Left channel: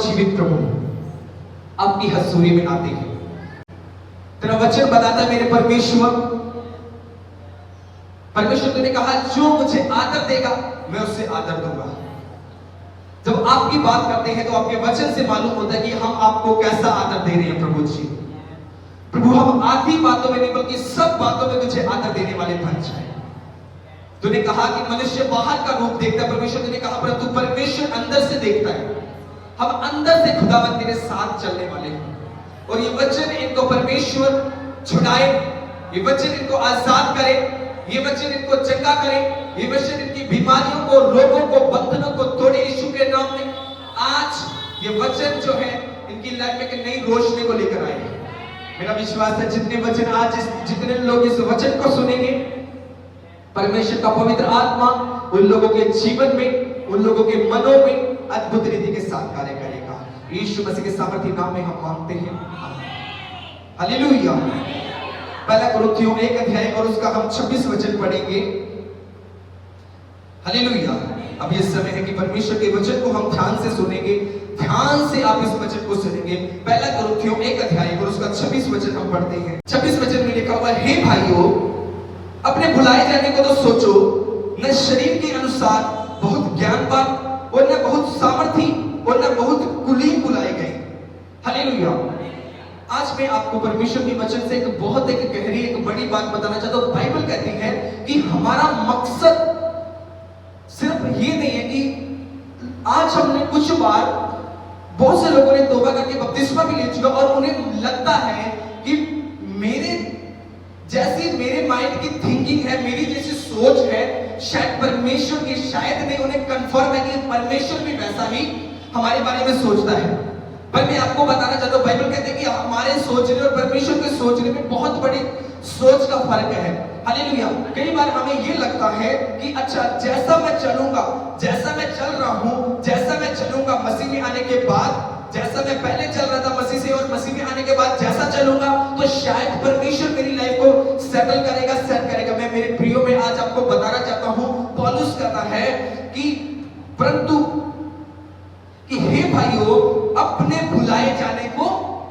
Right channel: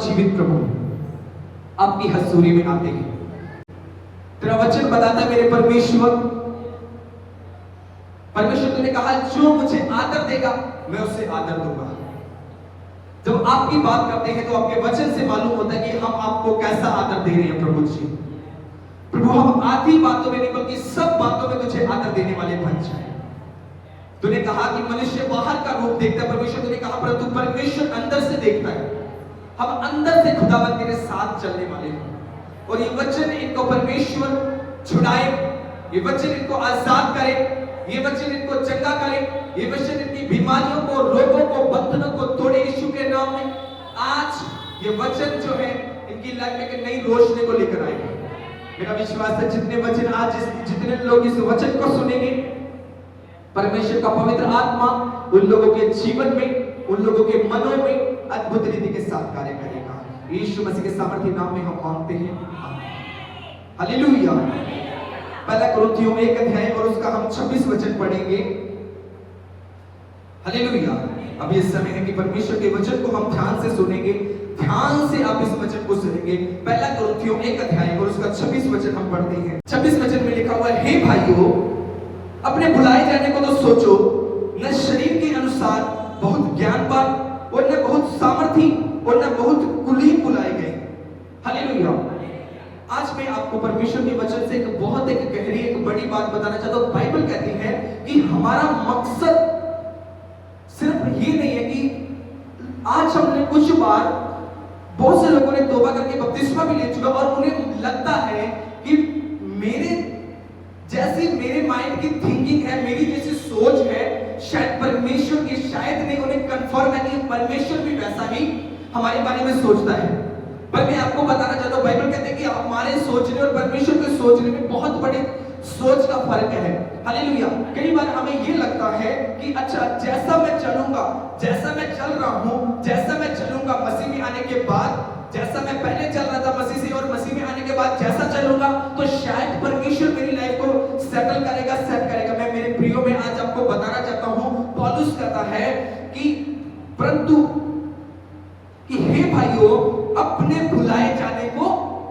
जीवित प्रभु आपकी हजूरी में आते हैं। तेरा वचन बताता मेरे परमेश्वर, तूने कहा जो मुझे आदर देगा मैं उससे आदर दूंगा। जब आपकी बात करते हैं तो आपके वचन से मालूम होता है कि हम आपको कैसा आदर दे रहे हैं प्रभु जी। प्रभु हम आधी बातों में नहीं बल्कि सब बातों में तुझे आदर देने वाले बन जाए। तूने कहा कि मनुष्य बाहर का रूप देखता है परमेश्वर, तूने कहा परंतु परमेश्वर अंदर से देखता है। हम अंदर से खुदावंद तेरे साथ चलने वाले हैं और ये वचन इनको परमेश्वर छुड़ाए, ये वचन इनको आजाद करे, ये वचन इनको चंगा करे, ये वचन इनकी बीमारियों को, रोगों को, बंधनों को तोड़े यीशु के नाम में। आज ये वचन जो है इनकी लाइफ में एक नई रोशनी को लेकर आए। मेरा विश्वास है जितने वचन आज जितने लोग इस वचन को सुनेंगे, परमेश्वर का पवित्र आत्मा उन लोगों के जीवन में, उन लोगों के मनों में अद्भुत रीति के साथ कार्य करेगा। यीशु मसीह के सामर्थी नाम में हम मांगते हैं, हालेलुया। पहला कुरिन्थियों 1 अध्याय और उसका हम 26 वचन पढ़ेंगे। हालेलुया। अब ये समय है कि परमेश्वर के वचन को हम ध्यान से सुनेंगे, ध्यान से आप इस वचन को सुनेंगे। पहला कुरिन्थियों 1 अध्याय और उसका 26 वचन हम पढ़ते हैं। 26 वचन में लिखा हुआ है, हे भाइयों, अपने भुलाए जाने को तो सोचो, न शरीर के अनुसार बहुत ज्ञानवान और न बहुत सामर्थी और न बहुत कुलीन बुलाए गए। हालेलुया। आज मैं आपको परमेश्वर के वचन से एक बहुत एक गहरी एक बड़ी बात बताना चाहता हूं। बाइबल कहती है कि हमारा मकसद सिर्फ ये नहीं है कि आज हमने कुछ बार बहुत से लोगों ने तौबा करके बपतिस्मा भी ले चुका और उन्हें लगता है कि मेरे जैसी मेरे माइंड की थिंकिंग है, मेरी जैसी सोच है, शायद परमेश्वर की शायद नहीं उन्हें कंफर्म है कि परमेश्वर भी वैसा ही हमारे बारे में सोचता है। पर मैं आपको बताना चाहता हूं, बाइबल कहते हैं कि हमारे सोचने और परमेश्वर के सोचने में बहुत बड़ी सोच का फर्क है। हालेलुया। कई बार हमें ये लगता है कि अच्छा जैसा मैं चलूंगा, जैसा मैं चल रहा हूं, जैसा मैं चलूंगा मसीह में आने के बाद, जैसा मैं पहले चल रहा था मसीह से और मसीह में आने के बाद जैसा चलूंगा तो शायद परमेश्वर मेरी लाइफ को सेटल करेगा, सेट करेगा। मैं मेरे प्रियो में आज आपको बताना चाहता हूं, पौलुस कहता है कि परंतु कि हे भाइयों, अपने भुलाए जाने को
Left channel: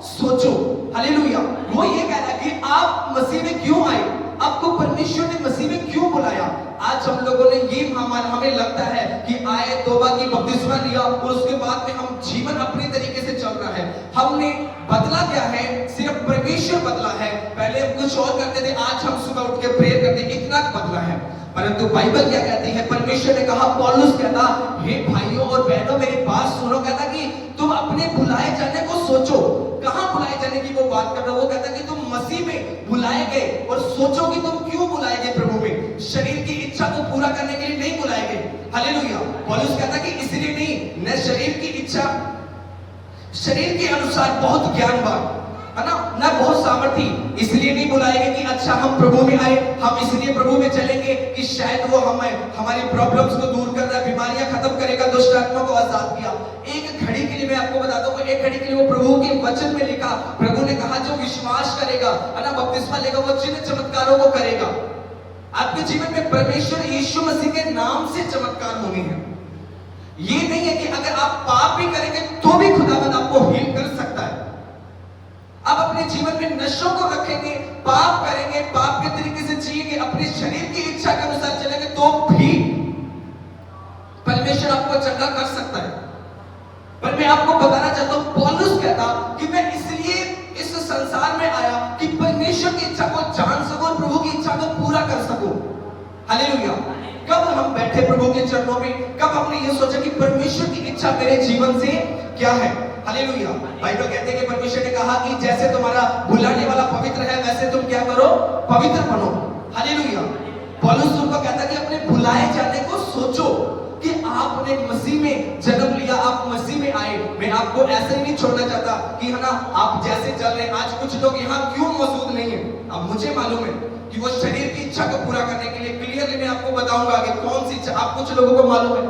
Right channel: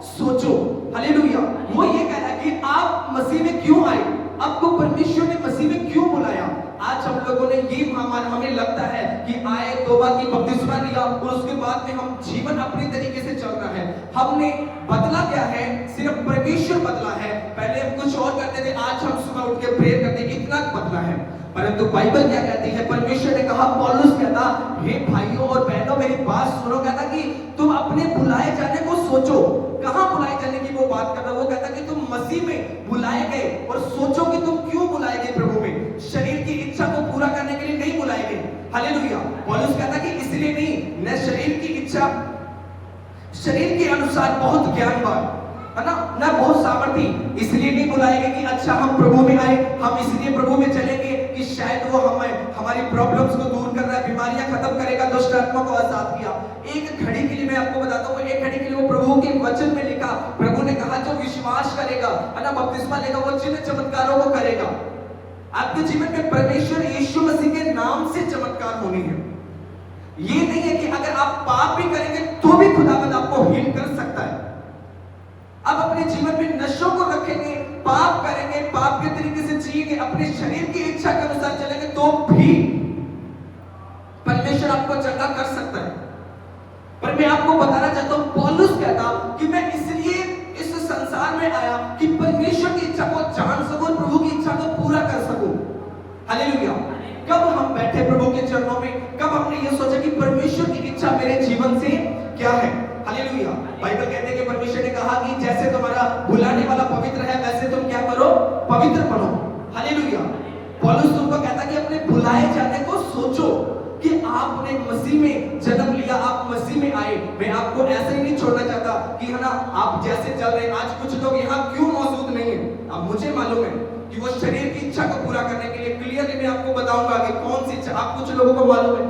सोचो। हालेलुया। वो ये कह रहा है कि आप मसीह में क्यों आए, आपको परमेश्वर ने मसीह में क्यों बुलाया। आज हम लोगों ने ये हमें लगता है कि आए, तौबा की, बपतिस्मा लिया और उसके बाद में हम जीवन अपने तरीके से चल रहा है। हमने बदला क्या है, सिर्फ परमेश्वर बदला है। पहले हम कुछ और करते थे, आज हम सुबह उठ के प्रेयर करते हैं, इतना बदला है। परंतु बाइबल क्या कहती है, परमेश्वर ने कहा, पौलुस कहता, हे भाइयों और बहनों मेरी बात सुनो, कहता कि तुम अपने बुलाए जाने को सोचो। कहां बुलाए जाने की वो बात कर रहा है, वो कहता कि तुम मसीह में बुलाए गए और सोचो कि तुम क्यों बुलाए गए प्रभु में। शरीर की इच्छा को पूरा करने के लिए नहीं बुलाए गए। हालेलुया। पौलुस कहता कि इसलिए नहीं, न शरीर की इच्छा, शरीर के अनुसार बहुत ज्ञानवान है ना, न बहुत सामर्थी, इसलिए नहीं बुलाए गए कि अच्छा हम प्रभु में आए, हम इसलिए प्रभु में चलेंगे कि शायद वो हमें हमारी प्रॉब्लम्स को दूर कर रहा है, बीमारियां खत्म करेगा, दुष्ट आत्मा को आजाद किया। एक घड़ी के लिए मैं आपको बताता हूं, एक घड़ी के लिए वो प्रभु के वचन में लिखा, प्रभु ने कहा जो विश्वास करेगा है ना, बपतिस्मा लेगा, वो चिन्ह चमत्कारों को करेगा। आपके जीवन में परमेश्वर यीशु मसीह के नाम से चमत्कार होने हैं। ये नहीं है कि अगर आप पाप भी करेंगे तो भी खुदावंद आपको हील कर सकता है। आप अपने जीवन में नशों को रखेंगे, पाप करेंगे, पाप के तरीके से जिएंगे, अपने शरीर की इच्छा के अनुसार चलेंगे तो भी परमेश्वर आपको चंगा कर सकता है। पर मैं आपको बताना चाहता हूं, पौलुस कहता कि मैं इसलिए इस संसार में आया कि परमेश्वर की इच्छा को जान सकूं, प्रभु की इच्छा को पूरा कर सकूं। हालेलुया। कब हम बैठे प्रभु के चरणों में, कब हमने ये सोचा कि परमेश्वर की इच्छा मेरे जीवन से क्या है। हालेलुया। बाइबल कहते हैं कि परमेश्वर ने कहा कि जैसे तुम्हारा बुलाने वाला पवित्र है वैसे तुम क्या करो, पवित्र बनो। हालेलुया। पौलुस तुमको कहता कि अपने बुलाए जाने को सोचो कि आपने मसीह में जन्म लिया, आप मसीह में आए। मैं आपको ऐसे ही नहीं छोड़ना चाहता कि है ना आप जैसे चल रहे हैं। आज कुछ लोग यहाँ क्यों मौजूद नहीं है, अब मुझे मालूम है कि वो शरीर की इच्छा को पूरा करने के लिए, क्लियरली मैं आपको बताऊंगा कि कौन सी इच्छा। आप कुछ लोगों को मालूम है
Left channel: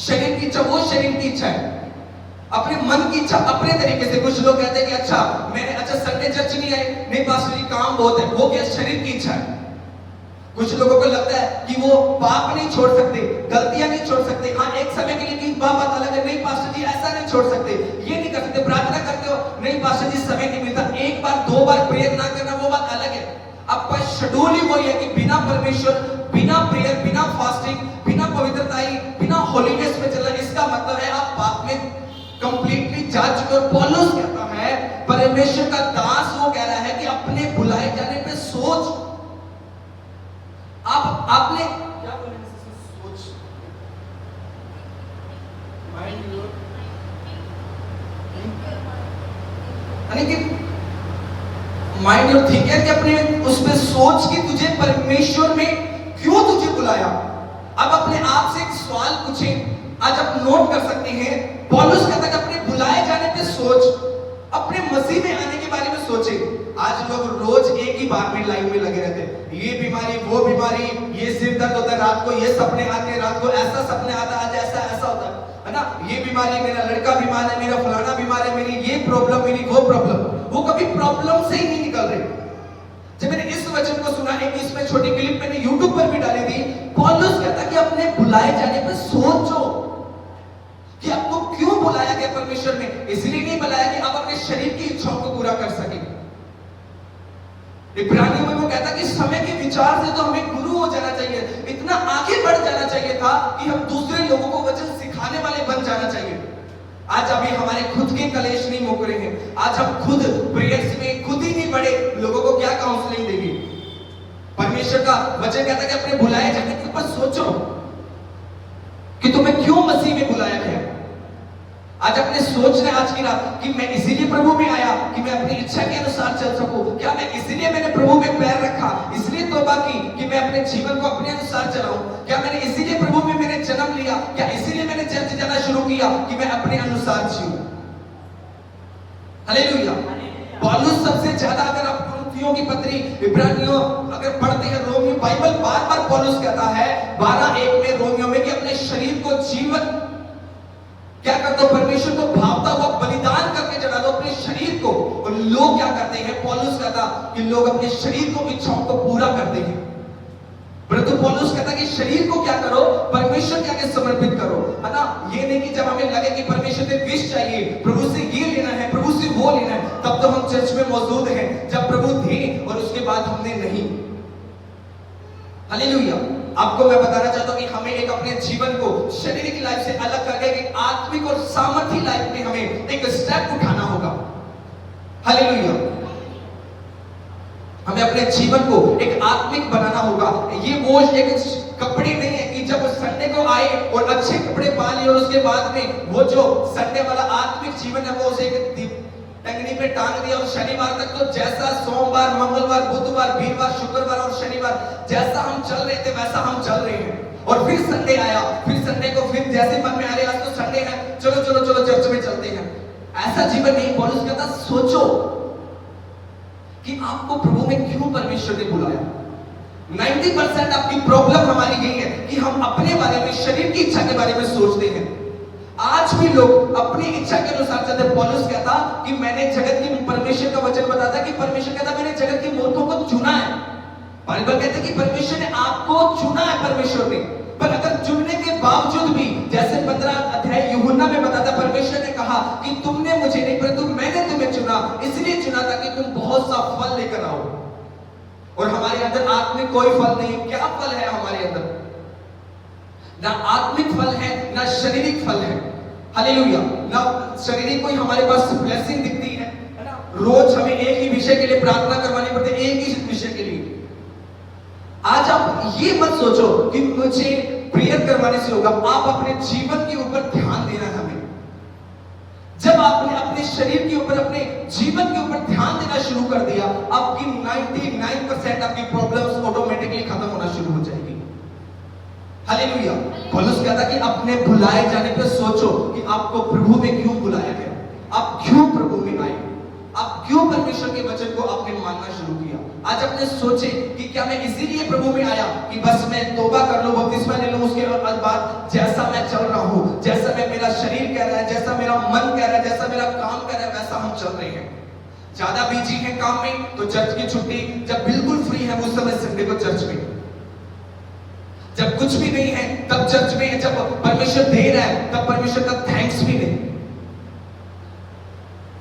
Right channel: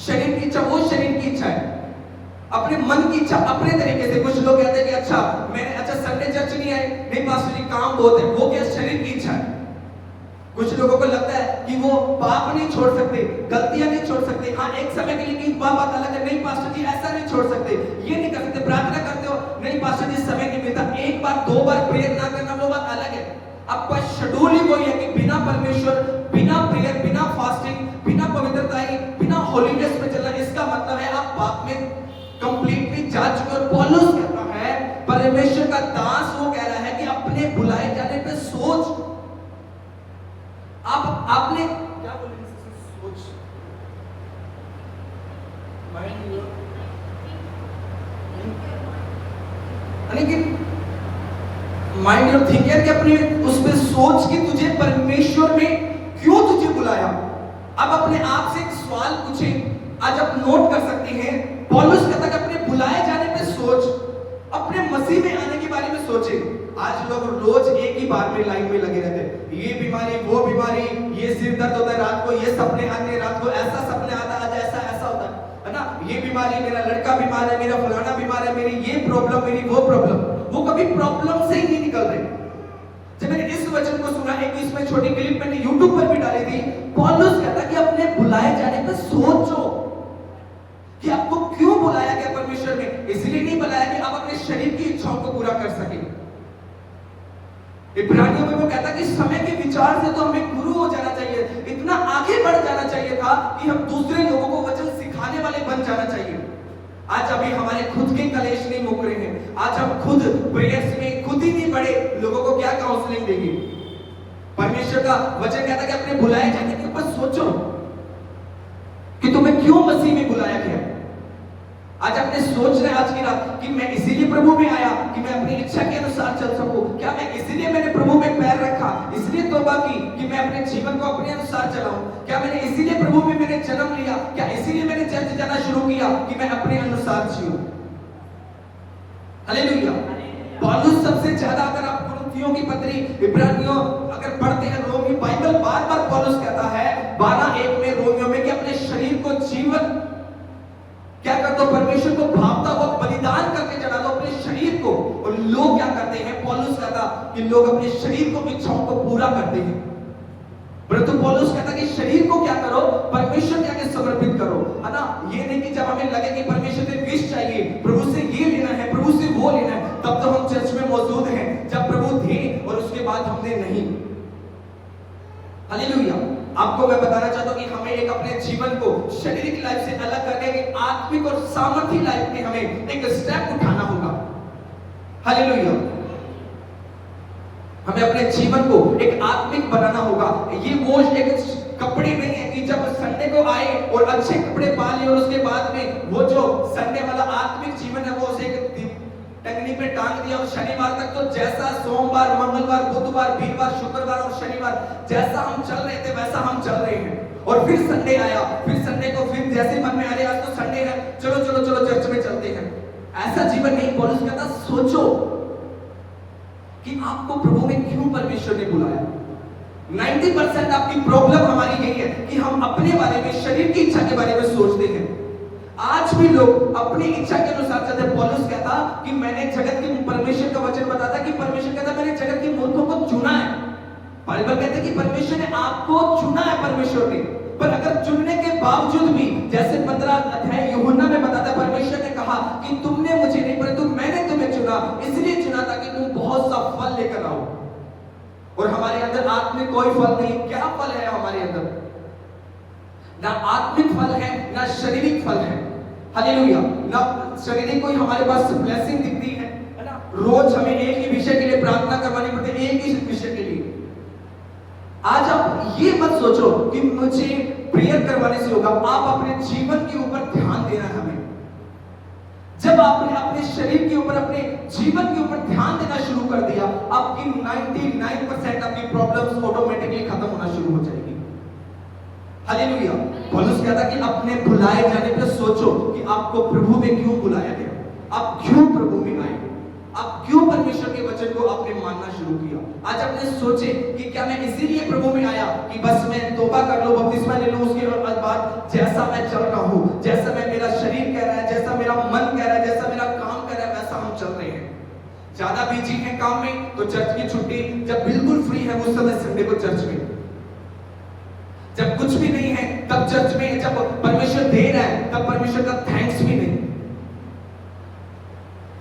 शरीर की इच्छा, वो शरीर की इच्छा है, अपने मन की इच्छा अपने तरीके से। कुछ लोग कहते हैं कि अच्छा मैंने अच्छा संडे चर्च नहीं आए, नहीं पास जी काम बहुत है, वो क्या शरीर की इच्छा है। कुछ लोगों को लगता है कि वो पाप नहीं छोड़ सकते, गलतियां नहीं छोड़ सकते। हाँ, एक समय के लिए कि बात अलग है, नहीं पास्टर जी ऐसा नहीं छोड़ सकते, ये नहीं कर सकते। प्रार्थना करते हो, नहीं पास्टर जी समय नहीं मिलता, एक बार दो बार प्रेयर ना करना वो बात अलग है। आपका शेड्यूल ही वही है कि बिना परमेश्वर, बिना प्रेयर, बिना फास्टिंग, बिना पवित्रता, बिना होलीनेस में चलना, इसका मतलब है आप पाप में कंप्लीटली जा चुके। और पौलुस कहता है, परमेश्वर का दास वो कह रहा है कि अपने बुलाए जाने पे सोच। आपने क्या बोले, सोच, माइंड योर, यानी कि माइंड योर थिंकर, कि अपने उस पे सोच कि तुझे परमेश्वर में क्यों तुझे बुलाया। अब अपने आप से एक सवाल पूछें, आज आप नोट कर सकते हैं। पौलुस कहता है कि अपने बुलाए जाने पे सोच, अपने मसीह में आने के बारे में सोचे। आज लोग रोज एक ही बार में लाइन में लगे रहते हैं, ये बीमारी, वो बीमारी, ये सिर दर्द होता है रात को, ये सपने आते हैं रात को, ऐसा सपने आता है, आज ऐसा ऐसा होता है ना, ये बीमारी, मेरा लड़का बीमार है, मेरा फलाना बीमार है, मेरी ये प्रॉब्लम, मेरी वो प्रॉब्लम। वो कभी प्रॉब्लम से ही नहीं निकल रहे। जब मैंने इस वचन को सुना, एक इसमें छोटी क्लिप मैंने यूट्यूब पर भी डाली थी। पौलुस कहता कि अपने बुलाए जाने पर सोचो कि आपको क्यों बुलाया गया परमेश्वर में। इसलिए नहीं बुलाया कि आप अपने शरीर की इच्छाओं को पूरा कर सके। इब्रानियों में वो कहता कि समय के विचार से तो हमें गुरु हो जाना चाहिए, इतना आगे बढ़ जाना चाहिए था कि हम दूसरे लोगों को वचन सिखाने वाले बन जाना चाहिए। आज अभी हमारे खुद के कलेश नहीं मुक रहे हैं, आज हम खुद प्रेयर्स में खुद ही नहीं बढ़े, लोगों को क्या काउंसलिंग देंगे। परमेश्वर का वचन कहता है कि अपने बुलाए जाने के ऊपर सोचो कि तुम्हें क्यों मसीह में बुलाया गया। आज अपने सोचना आज की रात कि मैं इसीलिए प्रभु में आया कि मैं अपनी इच्छा के अनुसार चल सकूं। क्या मैं इसीलिए मैंने प्रभु में पैर रखा, इसलिए तौबा की कि मैं अपने जीवन को अपने अनुसार चलाऊं। क्या मैंने इसीलिए प्रभु में मैंने जन्म लिया, क्या इसीलिए मैंने चर्च जाना शुरू किया कि मैं अपने अनुसार जीऊं। हालेलुया। पौलुस सबसे ज्यादा, अगर आप कुरिन्थियों की पत्री, इब्रानियों अगर पढ़ते हैं, रोमियो, बाइबल बार बार पौलुस कहता है 12:1 में रोमियो में कि अपने शरीर को जीवन क्या कर दो, परमेश्वर को भावता हुआ बलिदान करके चढ़ा दो अपने शरीर को। और लोग क्या करते हैं, पौलुस कहता कि लोग अपने शरीर को, इच्छाओं को पूरा करते हैं। परंतु पौलुस कहता कि शरीर को क्या करो, परमेश्वर के आगे समर्पित करो, है ना। ये नहीं कि जब हमें लगे कि परमेश्वर से विश चाहिए, प्रभु से ये लेना है, प्रभु से वो लेना है, तब तो हम चर्च में मौजूद हैं। जब प्रभु थे और उसके बाद हमने नहीं। हालेलुया। आपको मैं बताना चाहता हूं कि हमें एक अपने जीवन को शारीरिक लाइफ से अलग करके एक आत्मिक और सामर्थ्य लाइफ में हमें एक स्टेप उठाना होगा। हालेलुया। हमें अपने जीवन को एक आत्मिक बनाना होगा। ये बोझ एक कपड़े नहीं है कि जब संडे को आए और अच्छे कपड़े पा लिए और उसके बाद में वो जो संडे वाला आत्मिक जीवन है वो उसे टंगनी पे टांग दिया और शनिवार तक तो जैसा सोमवार, मंगलवार, बुधवार, वीरवार, शुक्रवार और शनिवार जैसा हम चल रहे थे वैसा हम चल रहे हैं। और फिर संडे आया, फिर संडे को फिर जैसे मन में आ रहे आज तो संडे है, चलो चलो चलो चर्च में चलते हैं। ऐसा जीवन नहीं। पौलुस कहता सोचो कि आपको प्रभु में क्यों परमेश्वर ने बुलाया। 90% आपकी प्रॉब्लम हमारी यही है कि हम अपने बारे में, शरीर की इच्छा के बारे में सोचते हैं। आज भी लोग अपनी इच्छा के अनुसार चलते। पौलुस कहता कि मैंने जगत की, परमेश्वर का वचन बताता कि परमेश्वर कहता मैंने जगत के मूर्खों को चुना है। बाइबल कहता है कि परमेश्वर ने आपको चुना है। परमेश्वर ने, पर अगर चुनने के बावजूद भी, जैसे 15 अध्याय यूहन्ना में बताता, परमेश्वर ने कहा कि तुमने मुझे नहीं परंतु मैंने तुम्हें चुना, इसलिए चुना था कि तुम बहुत सा फल लेकर आओ। और हमारे अंदर आत्मिक कोई फल नहीं। क्या फल है हमारे अंदर? ना आत्मिक फल है, ना शारीरिक फल है। हालेलुया। ना शारीरिक कोई हमारे पास ब्लेसिंग दिखती है ना। रोज हमें एक ही विषय के लिए प्रार्थना करवानी पड़ती है, एक ही विषय के लिए। आज आप ये मत सोचो कि मुझे प्रेयर करवाने से होगा। आप अपने जीवन के ऊपर ध्यान देना है हमें। जब आपने अपने शरीर के ऊपर, अपने जीवन के ऊपर ध्यान देना शुरू कर दिया, आपकी 99% आपकी प्रॉब्लम्स ऑटोमेटिकली खत्म होना शुरू हो जाएगी। हालेलुया। पौलुस कहता कि अपने बुलाए जाने पर सोचो कि आपको प्रभु में क्यों बुलाया गया, आप क्यों प्रभु में आए, आप क्यों परमेश्वर के वचन को आपने मानना शुरू किया। आज अपने सोचे कि क्या मैं इसीलिए प्रभु में आया कि बस मैं तौबा कर लूं, बपतिस्मा ले लूं, उसके बाद जैसा मैं चल रहा हूं, जैसा मैं, मेरा शरीर कह रहा है, जैसा मेरा मन कह रहा है, जैसा मेरा काम कह रहा है, वैसा हम चल रहे हैं। ज्यादा बिजी हैं काम में तो चर्च की छुट्टी, जब बिल्कुल फ्री है उस समय संडे को चर्च में। जब कुछ भी नहीं है तब चर्च में जब परमेश्वर दे रहा है तब परमेश्वर का थैंक्स भी नहीं।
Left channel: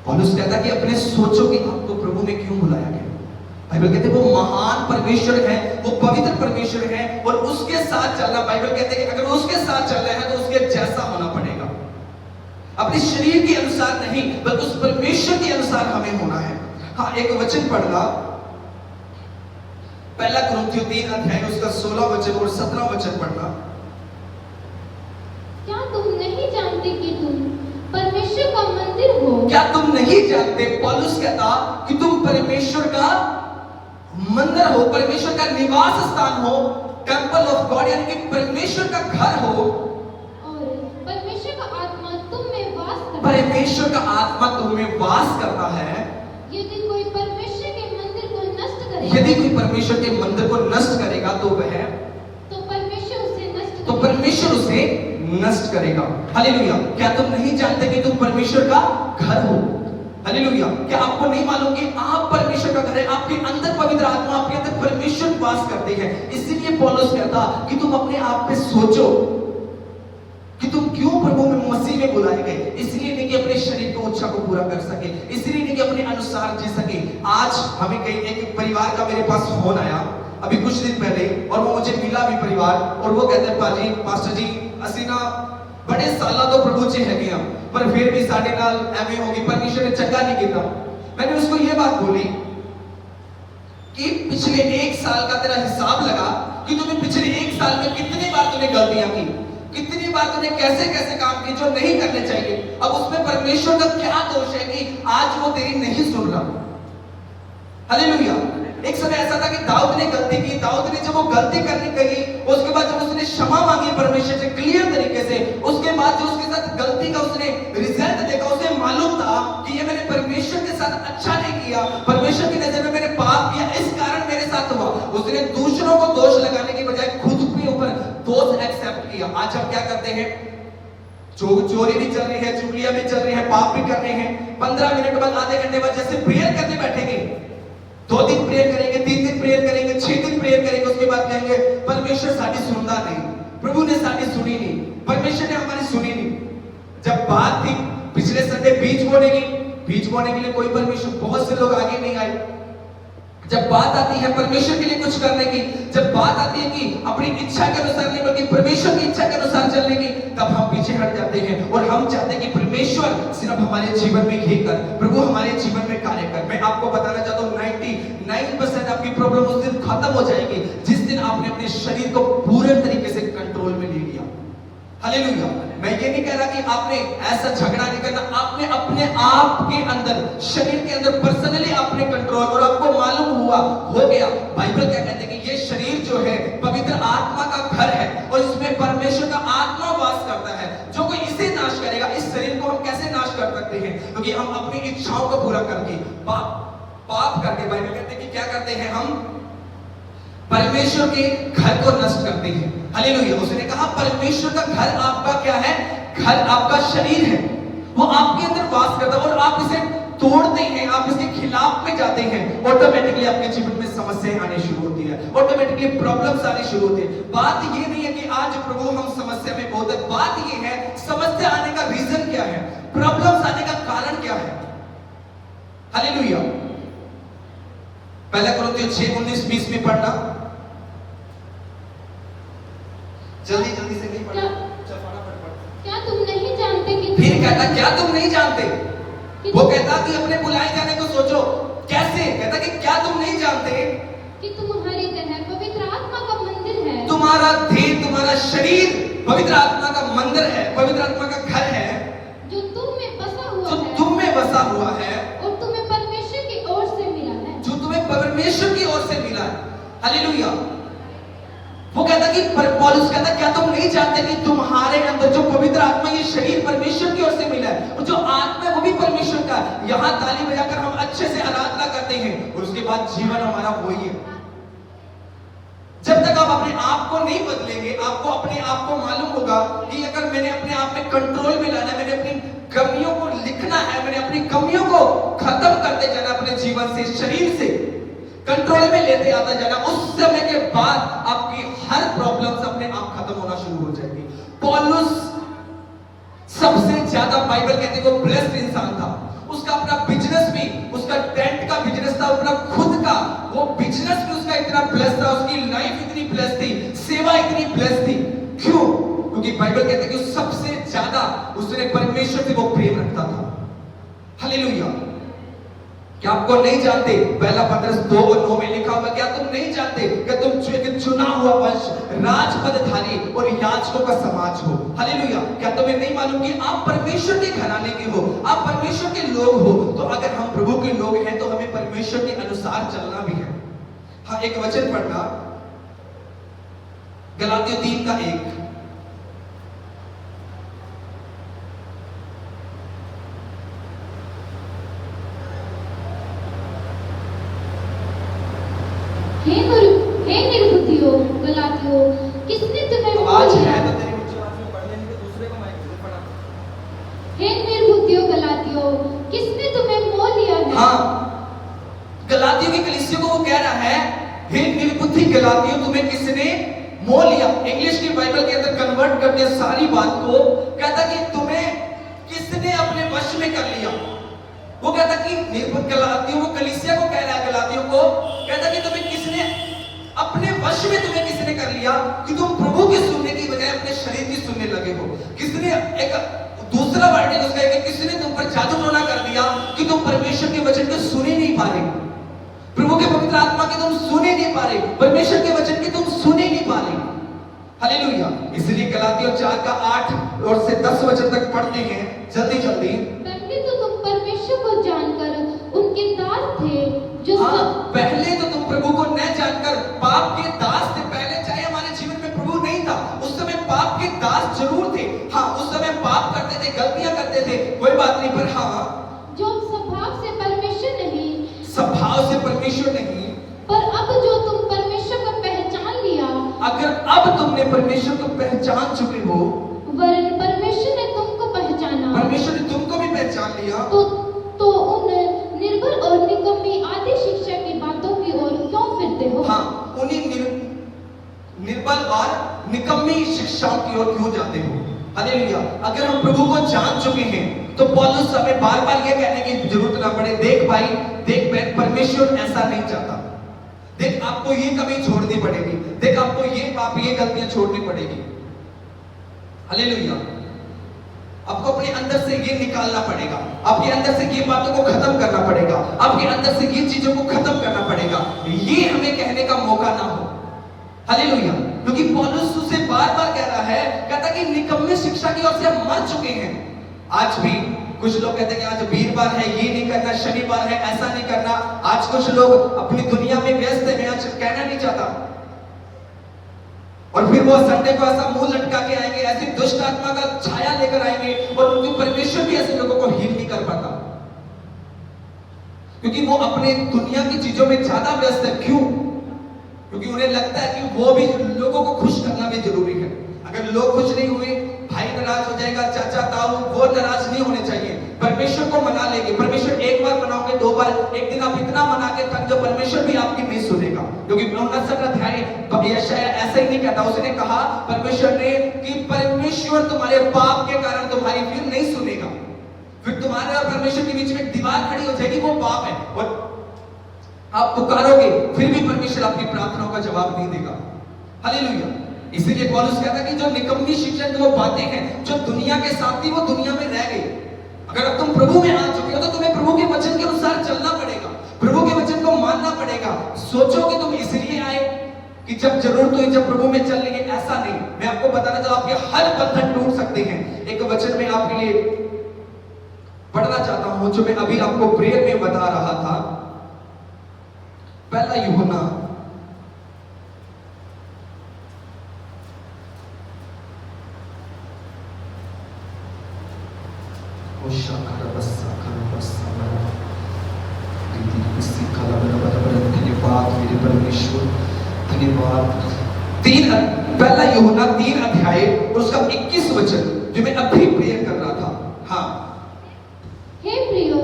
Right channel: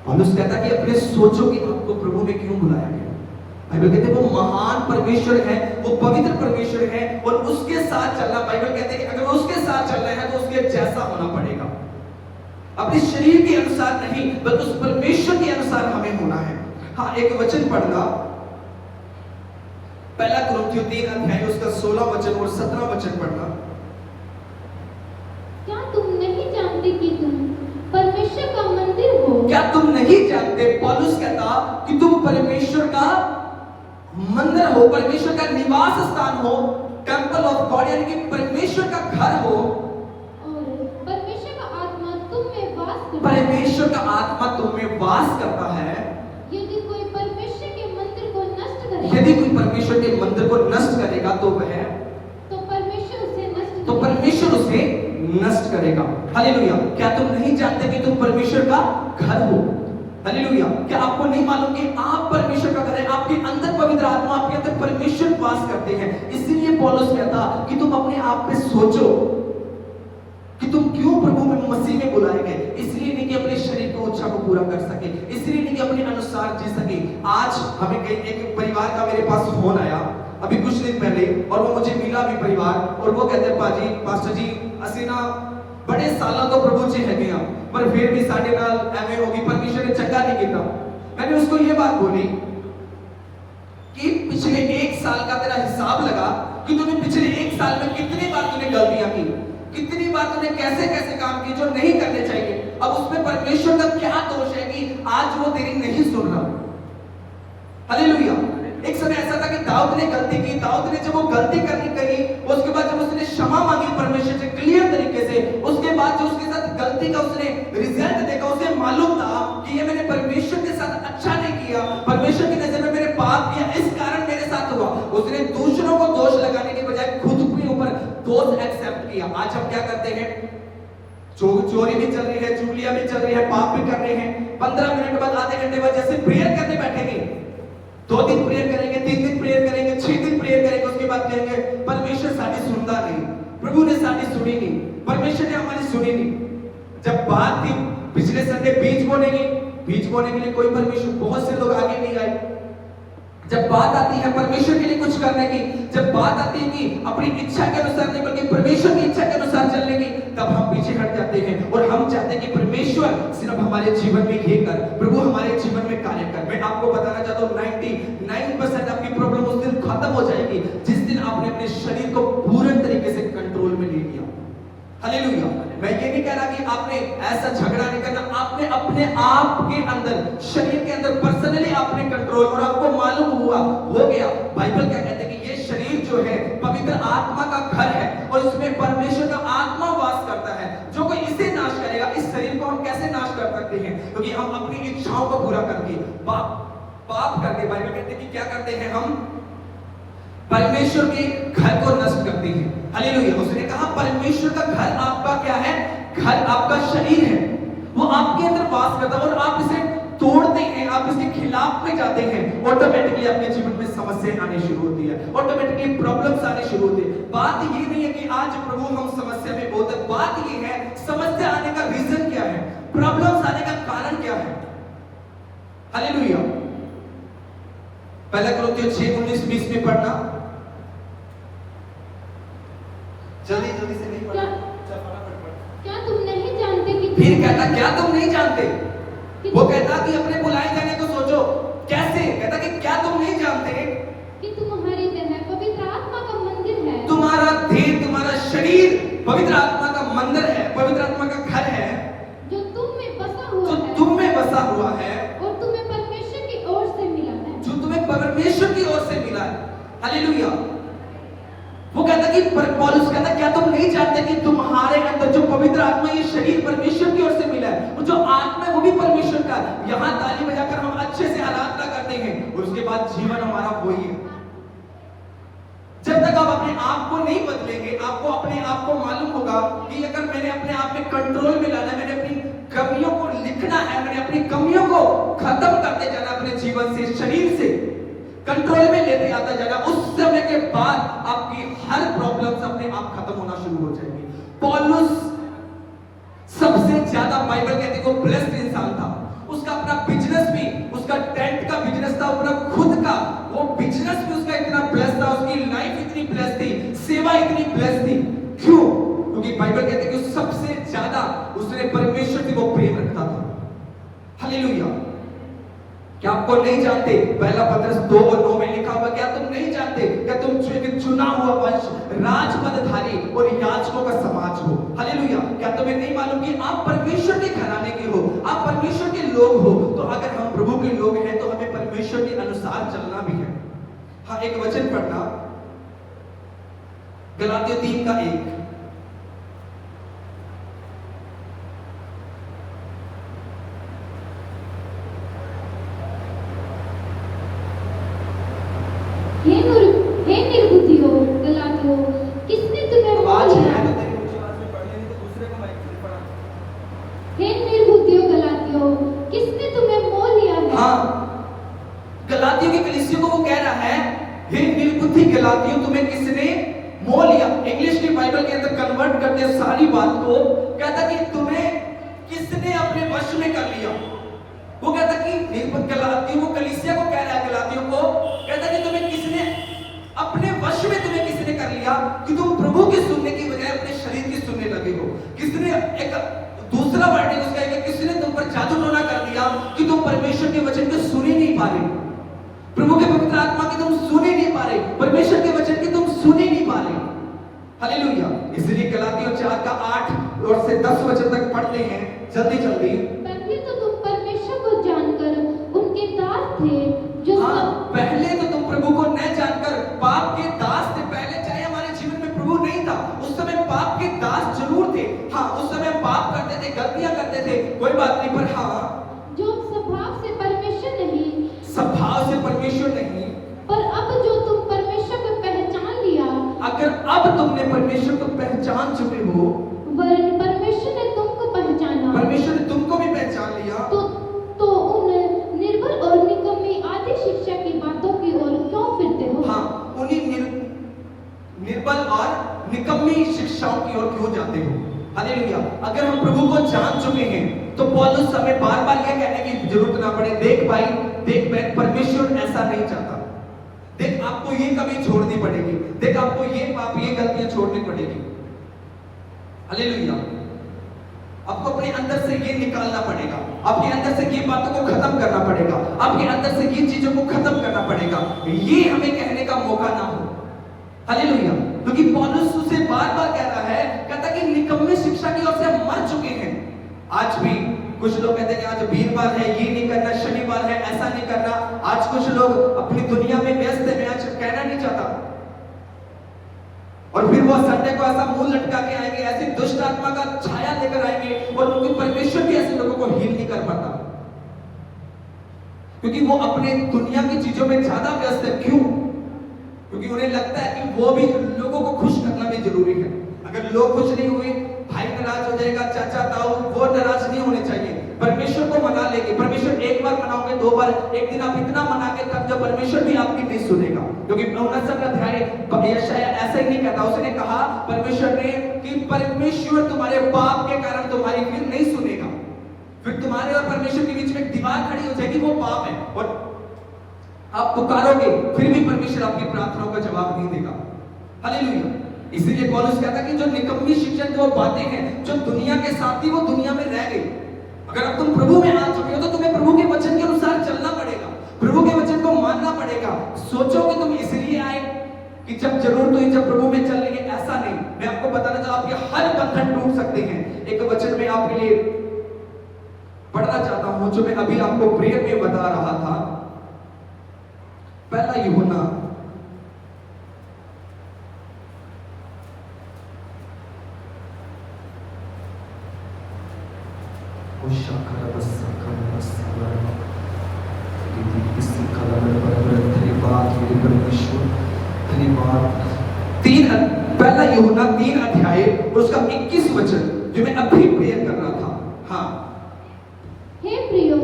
पौलुस कहता कि अपने सोचो कि आपको प्रभु में क्यों बुलाया गया। बाइबल कहते हैं वो महान परमेश्वर है, वो पवित्र परमेश्वर है और उसके साथ चलना, बाइबल कहते हैं कि अगर उसके साथ चलना है तो उसके जैसा होना पड़ेगा। अपने शरीर के अनुसार नहीं बल्कि उस परमेश्वर के अनुसार हमें होना है। हाँ, एक वचन पढ़ना, पहला कुरिन्थियों 3 अध्याय उसका 16 वचन और 17 वचन पढ़ना। क्या तुम नहीं जानते कि तुम परमेश्वर का मंदिर हो? क्या तुम नहीं जानते, पौलुस कहता कि तुम परमेश्वर का मंदिर हो, परमेश्वर का निवास स्थान हो, टेंपल ऑफ गॉड, यानी कि परमेश्वर का घर हो। और परमेश्वर का आत्मा तुम में वास करता है। परमेश्वर का आत्मा तुम में वास करता है। यदि कोई परमेश्वर के मंदिर को नष्ट करेगा, यदि कोई परमेश्वर के मंदिर को नष्ट करेगा तो परमेश्वर उसे नष्ट करेगा। हालेलुया। क्या तुम नहीं जानते कि तुम परमेश्वर का घर हो? हालेलुया। क्या आपको नहीं मालूम कि आप परमेश्वर का घर है? आपके अंदर पवित्र आत्मा, आपके अंदर परमेश्वर वास करते हैं। इसीलिए पौलुस कहता कि तुम अपने आप पे सोचो कि तुम क्यों प्रभु में मसीह में बुलाए गए। इसलिए नहीं कि अपने शरीर को इच्छा को पूरा कर सके, इसलिए नहीं कि अपने अनुसार जी सके। आज हमें कहीं एक परिवार का मेरे पास फोन आया अभी कुछ दिन पहले और वो मुझे मिला भी परिवार, और वो कहते हैं पास्टर जी ਅਸੀਂ ना बड़े सालों तो प्रभु च है पर फिर भी साढ़े नाल एवं होगी, परमेश्वर ने चंगा नहीं किया। मैंने उसको ये बात बोली कि पिछले 1 साल का तेरा हिसाब लगा कि तूने पिछले 1 साल में कितनी बार तूने गलतियां की, कितनी बार तूने कैसे कैसे काम किए जो नहीं करने चाहिए। अब उसमें परमेश्वर का क्या दोष है कि आज वो तेरी नहीं सुन रहा। हालेलुया। एक समय ऐसा था कि दाऊद ने गलती की, दाऊद ने जब वो गलती करने गई, उसके बाद जब उसने क्षमा मांगी परमेश्वर से क्लियर तरीके से, उसके बाद जो उसके साथ गलती का उसने रिजल्ट देखा, उसे मालूम था कि ये मैंने परमेश्वर के साथ अच्छा नहीं किया, परमेश्वर की नजर में मैंने पाप किया, इस कारण मेरे साथ हुआ। उसने दूसरों को दोष लगाने के बजाय खुद के ऊपर दोष एक्सेप्ट किया। आज हम क्या करते हैं, चोरी भी चल रही है, चुगलियां भी चल रही है, पाप भी कर रहे हैं, 15 मिनट बाद, आधे घंटे बाद जैसे प्रेयर करने बैठेंगे, 2 दिन प्रेयर करेंगे, 3 दिन प्रेयर करेंगे, 6 दिन प्रेयर करेंगे, उसके बाद कहेंगे परमेश्वर साडी सुनता नहीं, प्रभु ने साडी सुनी नहीं, परमेश्वर ने हमारी सुनी नहीं। जब बात थी पिछले संडे बीज बोने के लिए कोई परमेश्वर, बहुत से लोग आगे नहीं आए। जब बात आती है परमेश्वर के लिए कुछ करने की, जब बात आती है कि अपनी इच्छा के अनुसार नहीं बल्कि परमेश्वर की इच्छा के अनुसार चलने की, तब हम पीछे हट जाते हैं और हम चाहते हैं कि परमेश्वर सिर्फ हमारे जीवन में ये कर, प्रभु हमारे जीवन में कार्य कर। मैं आपको बताना चाहता हूँ 99% आपकी प्रॉब्लम उस दिन खत्म हो जाएगी जिस दिन आपने अपने शरीर को पूरे तरीके से कंट्रोल में ले लिया। हालेलुया। मैं ये नहीं कह रहा कि आपने ऐसा झगड़ा नहीं करना, आपने अपने आप के अंदर, शरीर के अंदर पर्सनली आपने कंट्रोल, और आपको मालूम हुआ, हो गया। बाइबल क्या कहते हैं कि ये शरीर जो है पवित्र आत्मा का घर है और इसमें परमेश्वर का आत्मा वास करता है। जो कोई इसे नाश करेगा, इस शरीर को हम कैसे नाश कर सकते हैं? क्योंकि हम अपनी इच्छाओं को पूरा करके, पाप करके, बाइबल कहते हैं कि क्या करते हैं, हम परमेश्वर के घर को नष्ट करते हैं। हालेलुया। उसने कहा परमेश्वर का घर आपका क्या है? घर आपका शरीर है, वो आपके अंदर वास करता है और आप इसे तोड़ते हैं, आप इसके खिलाफ में जाते हैं, ऑटोमेटिकली आपके जीवन में समस्याएं आनी शुरू होती है, ऑटोमेटिकली प्रॉब्लम्स आनी शुरू होती है। बात ये नहीं है कि आज प्रभु हम समस्या में बहुत है, बात ये है समस्या आने का रीजन क्या है, प्रॉब्लम्स आने का कारण क्या है। हालेलुया। पहला कुरिन्थियों 6:19-20 में पढ़ना, जल्दी से नहीं पढ़ना, क्या तुम नहीं जानते कि फिर कहता क्या तुम नहीं जानते? वो कहता कि अपने बुलाए जाने को सोचो। कैसे? कहता कि क्या तुम नहीं जानते कि तुम्हारी देह पवित्र आत्मा का मंदिर है, तुम्हारा देह, तुम्हारा शरीर पवित्र आत्मा का मंदिर है, पवित्र आत्मा का घर है, जो तुम में बसा हुआ है, तुम में बसा हुआ है और तुम्हें परमेश्वर की ओर से मिला है, जो तुम्हें परमेश्वर की ओर से मिला है। हालेलुया। वो कहता कि पौलुस कहता क्या तुम नहीं जानते कि तुम्हारे अंदर जो पवित्र आत्मा, ये शरीर परमेश्वर की ओर से मिला है और जो आत्मा है वो भी परमेश्वर का। यहाँ ताली बजाकर हम अच्छे से आराधना करते हैं और उसके बाद जीवन हमारा वही है। जब तक आप अपने आप को नहीं बदलेंगे, आपको अपने आप को मालूम होगा कि अगर मैंने अपने आप में कंट्रोल में लाना है, मैंने अपनी कमियों को लिखना है, मैंने अपनी कमियों को खत्म करते जाना अपने जीवन से, शरीर से। कंट्रोल में लेते आता जाना। उस समय के बाद आपकी हर प्रॉब्लम्स अपने आप खत्म होना शुरू हो जाएगी। पौलुस सबसे ज्यादा बाइबल कहते हैं वो ब्लेस्ड इंसान था। उसका अपना बिजनेस भी, उसका टेंट का बिजनेस था, अपना खुद का वो बिजनेस भी उसका इतना ब्लेस था, उसकी लाइफ इतनी ब्लेस थी, सेवा इतनी ब्लेस थी। क्यों? क्योंकि बाइबल कहते हैं कि सबसे ज्यादा उसने परमेश्वर से वो प्रेम रखता था। हालेलुया। क्या आपको नहीं जानते? पहला पत्रस 2:9 में लिखा हुआ, क्या तुम नहीं जानते क्या तुम चुना हुआ वंश, राजपदधारी और याजकों का समाज हो। हालेलुया। क्या तुम्हें नहीं मालूम कि आप परमेश्वर के घराने के हो, आप परमेश्वर के लोग हो? तो अगर हम प्रभु के लोग हैं तो हमें परमेश्वर के अनुसार चलना भी है। हाँ, एक वचन पढ़ना, गलातियों 3:1। हे निर्बुद्धियों गलातियों, किसने तुम्हें आवाज मोह है लिया? तो तेरी ऊंची आवाज में पढ़ लेनी, तो दूसरे को माइक दे पढ़ा। हे निर्बुद्धियों गलातियों, किसने तुम्हें मोह लिया है? हाँ, गलातियों की कलीसिया को वो कह रहा है, हे निर्बुद्धि गलातियों, तुम्हें किसने मोह लिया। इंग्लिश की बाइबल के अंदर कन्वर्ट करके सारी बात को कहता कि तुम्हें किसने अपने वश में कर लिया। वो कहता कि निर्बुद्ध गलातियों, वो कलीसिया को कह रहा है, गलातियों को कहता कि तुम्हें किसने अपने वश में, तुम्हें किसने कर लिया कि तुम प्रभु की सुनने की बजाय अपने शरीर की सुनने लगे हो। किसने, एक दूसरा वर्ड है जिसका है कि किसने तुम पर जादू टोना कर दिया कि तुम परमेश्वर के वचन को सुन ही नहीं पा रहे, प्रभु के पवित्र आत्मा के तुम सुन ही नहीं पा रहे, परमेश्वर के वचन के तुम सुन ही नहीं पा रहे। हालेलुया। इसलिए गलातियों 4:8 और से 10 वचन तक पढ़ते हैं जल्दी जल्दी। पहले तो तुम परमेश्वर को जानकर उनके दास थे जो हाँ, पहले तो तुम प्रभु को न जानकर पाप के दास थे। पहले चाहे हमारे जीवन में प्रभु नहीं था, उस समय पाप के दास जरूर थे। हाँ, उस समय पाप करते थे, गलतियां करते थे, कोई बात नहीं, पर हाँ, जो स्वभाव से परमेश्वर नहीं, स्वभाव से परमेश्वर नहीं, पर अब जो तुम परमेश्वर को पहचान लिया, अगर अब तुमने परमेश्वर को पहचान चुके हो, वरन परमेश्वर ने तुमको पहचाना, परमेश्वर ने तुमको भी पहचान लिया, तो उन निर्बल और निकम्मी आदि शिक्षा की बातों की ओर क्यों फिरते हो? हाँ, उन्हीं निर्बल और निकम्मी शिक्षाओं की ओर क्यों जाते हो। हालेलुया। अगर हम प्रभु को जान चुके हैं तो पौलुस हमें बार बार यह कहने की जरूरत ना पड़े, देख भाई, देख बहन, परमेश्वर ऐसा नहीं चाहता। देख, आपको ये कमी छोड़नी पड़ेगी, देख आपको ये पाप, ये गलतियां छोड़नी पड़ेगी। हालेलुया। आपको अपने अंदर से ये निकालना पड़ेगा, आपके अंदर से ये बातों को खत्म करना पड़ेगा, आपके अंदर से ये चीजों को खत्म करना पड़ेगा। ये हमें कहने का मौका ना हो। हालेलुया। क्योंकि पौलुस उसे बार बार कह रहा है, कहता कि निकम्मे शिक्षा की ओर से हम मर चुके हैं। आज भी कुछ लोग कहते हैं कि आज वीरवार है, ये नहीं करना, शनिवार है, ऐसा नहीं करना। आज कुछ लोग अपनी दुनिया में व्यस्त है, मैं आज कहना नहीं चाहता, और फिर वो संडे को ऐसा मुंह लटका के आएंगे, ऐसी दुष्ट आत्मा का छाया लेकर आएंगे, और उनके परमेश्वर भी ऐसे लोगों को हील नहीं कर पाता, क्योंकि वो अपने दुनिया की चीजों में ज्यादा व्यस्त है। क्यों? क्योंकि उन्हें लगता है कि वो भी, लोगों को खुश करना भी जरूरी है। अगर लोग खुश नहीं हुए, भाई नाराज हो जाएगा, चाचा ताऊ, वो नाराज नहीं होने चाहिए। परमेश्वर को मना लेंगे, परमेश्वर एक बार मनाओगे, 2 बार, एक दिन आप इतना मना के थक जाओ, परमेश्वर भी आपकी नहीं सुनेगा। क्योंकि 59 अध्याय यशायाह ऐसा ही नहीं कहता, उसने कहा परमेश्वर ने कि परमेश्वर तुम्हारे पाप के कारण तुम्हारी फिर नहीं सुनेगा, फिर तुम्हारे और परमेश्वर के बीच में एक दीवार खड़ी हो जाएगी, वो पाप है, और आप पुकारोगे फिर भी परमेश्वर आपकी प्रार्थनाओं का जवाब नहीं देगा। हालेलुया। इसीलिए पौलुस कहता है कि जो निकम्मी शिक्षा, जो बातें हैं, जो दुनिया के साथ थी, वो दुनिया में रह गई। अगर अब तुम प्रभु में आ चुके हो तो तुम्हें प्रभु के वचन के अनुसार चलना पड़ेगा, प्रभु के वचन को मानना पड़ेगा। सोचो कि तुम इसलिए आए कि जब जरूरत हुई, जब प्रभु में चल लेंगे, ऐसा नहीं। मैं आपको बताना चाहता हूं, आपके हर बंधन टूट सकते हैं। एक वचन में आपके लिए पढ़ना चाहता हूं, जो मैं अभी आपको प्रेयर में बता रहा था। पहला यूहन्ना 3:21 वचन, जो मैं अभी प्रेयर कर रहा था। हाँ, हे प्रियो,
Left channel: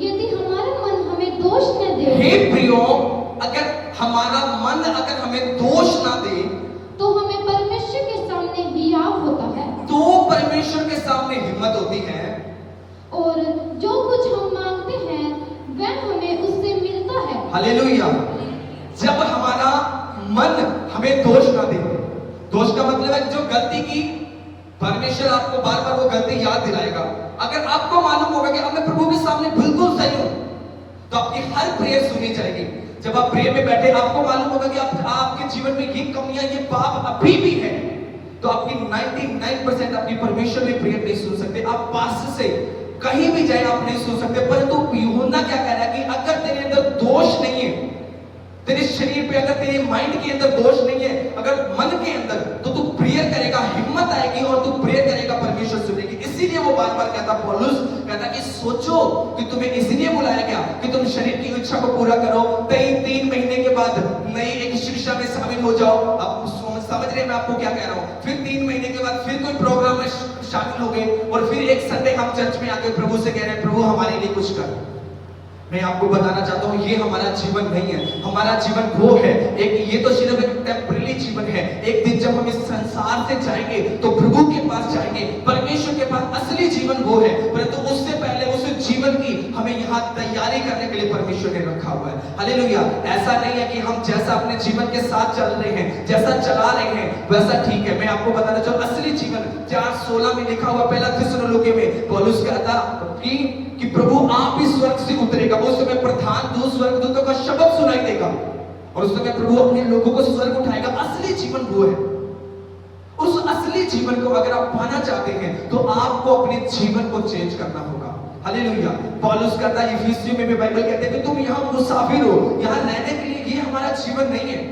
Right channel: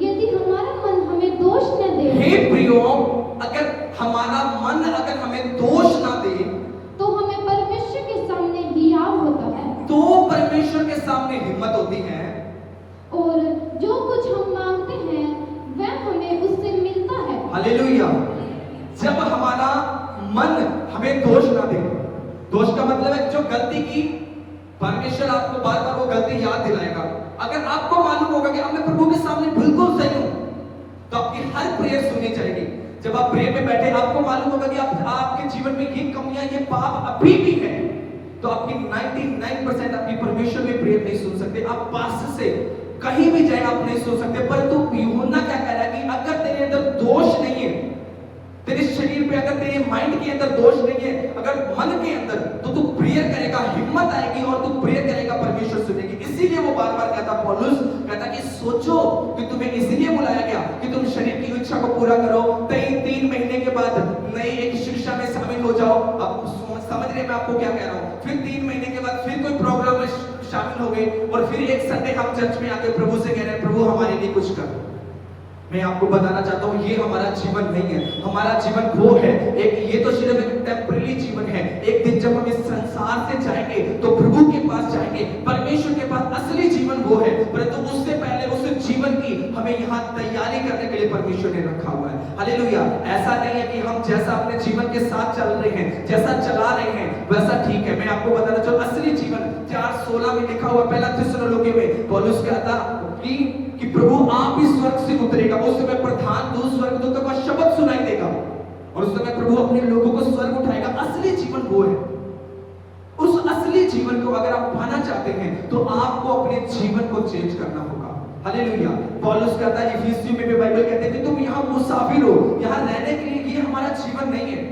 यदि हमारा मन हमें दोष न दे, हे प्रियो, अगर गलती की, परमेश्वर आपको बार बार वो गलती याद दिलाएगा। अगर आपको मालूम होगा कि अब मैं प्रभु के सामने बिल्कुल सही हूं, तो आपकी हर प्रेयर सुनी जाएगी। जब आप प्रेयर में बैठे, आपको मालूम होगा कि आपके जीवन में ये कमियां, ये पाप अभी भी है, तो आपकी 99% आपकी परमेश्वर में प्रेयर नहीं सुन सकते। आप पास से कहीं भी जाए आप नहीं सुन सकते। परंतु यूहन्ना क्या कह रहा है कि अगर तेरे अंदर दोष नहीं है, तेरे शरीर पे अगर तेरे माइंड के अंदर दोष नहीं है, अगर मन के अंदर, तो तू प्रेयर करेगा, हिम्मत आएगी और तू प्रेयर करेगा, परमेश्वर सुनेगी। इसीलिए वो बार बार कहता, पौलुस कहता कि सोचो कि तुम्हें इसलिए बुलाया गया कि तुम शरीर की इच्छा को पूरा करो। 3 महीने के बाद नई एक शिक्षा में शामिल हो जाओ। अब समझ रहे मैं आपको क्या कह रहा हूं। फिर 3 महीने के बाद फिर कोई प्रोग्राम में शामिल हो गए और फिर एक संडे हम चर्च में आकर प्रभु से कह रहे हैं, प्रभु हमारे लिए कुछ कर। मैं आपको बताना चाहता हूं, ये हमारा जीवन नहीं है। हमारा जीवन वो है, ये तो सिर्फ एक टेम्परेरी जीवन है। एक दिन जब हम इस संसार से जाएंगे तो प्रभु के पास जाएंगे, परमेश्वर के पास असली जीवन वो है। परंतु उससे पहले उस जीवन की हमें यहाँ तैयारी करने के लिए परमेश्वर ने रखा हुआ है। हालेलुया। ऐसा नहीं है कि हम जैसा अपने जीवन के साथ चल रहे हैं, जैसा चला रहे हैं वैसा ठीक है। मैं आपको बताना चाहूँ, असली जीवन 4:16 में लिखा हुआ, पहला थिस्सलुनीके में पौलुस कहता कि प्रभु आप ही स्वर्ग से उतरेगा। उस समय प्रधान दूत स्वर्गदूतों का शब्द सुनाई देगा और उस समय प्रभु अपने लोगों को स्वर्ग उठाएगा। असली जीवन वो है। उस असली जीवन को अगर आप पाना चाहते हैं तो आपको अपने जीवन को चेंज करना होगा। हालेलुया। पौलुस कहता है, इफिसियों में भी बाइबल कहते हैं कि तुम यहाँ मुसाफिर हो, यहाँ रहने के लिए ये हमारा जीवन नहीं है।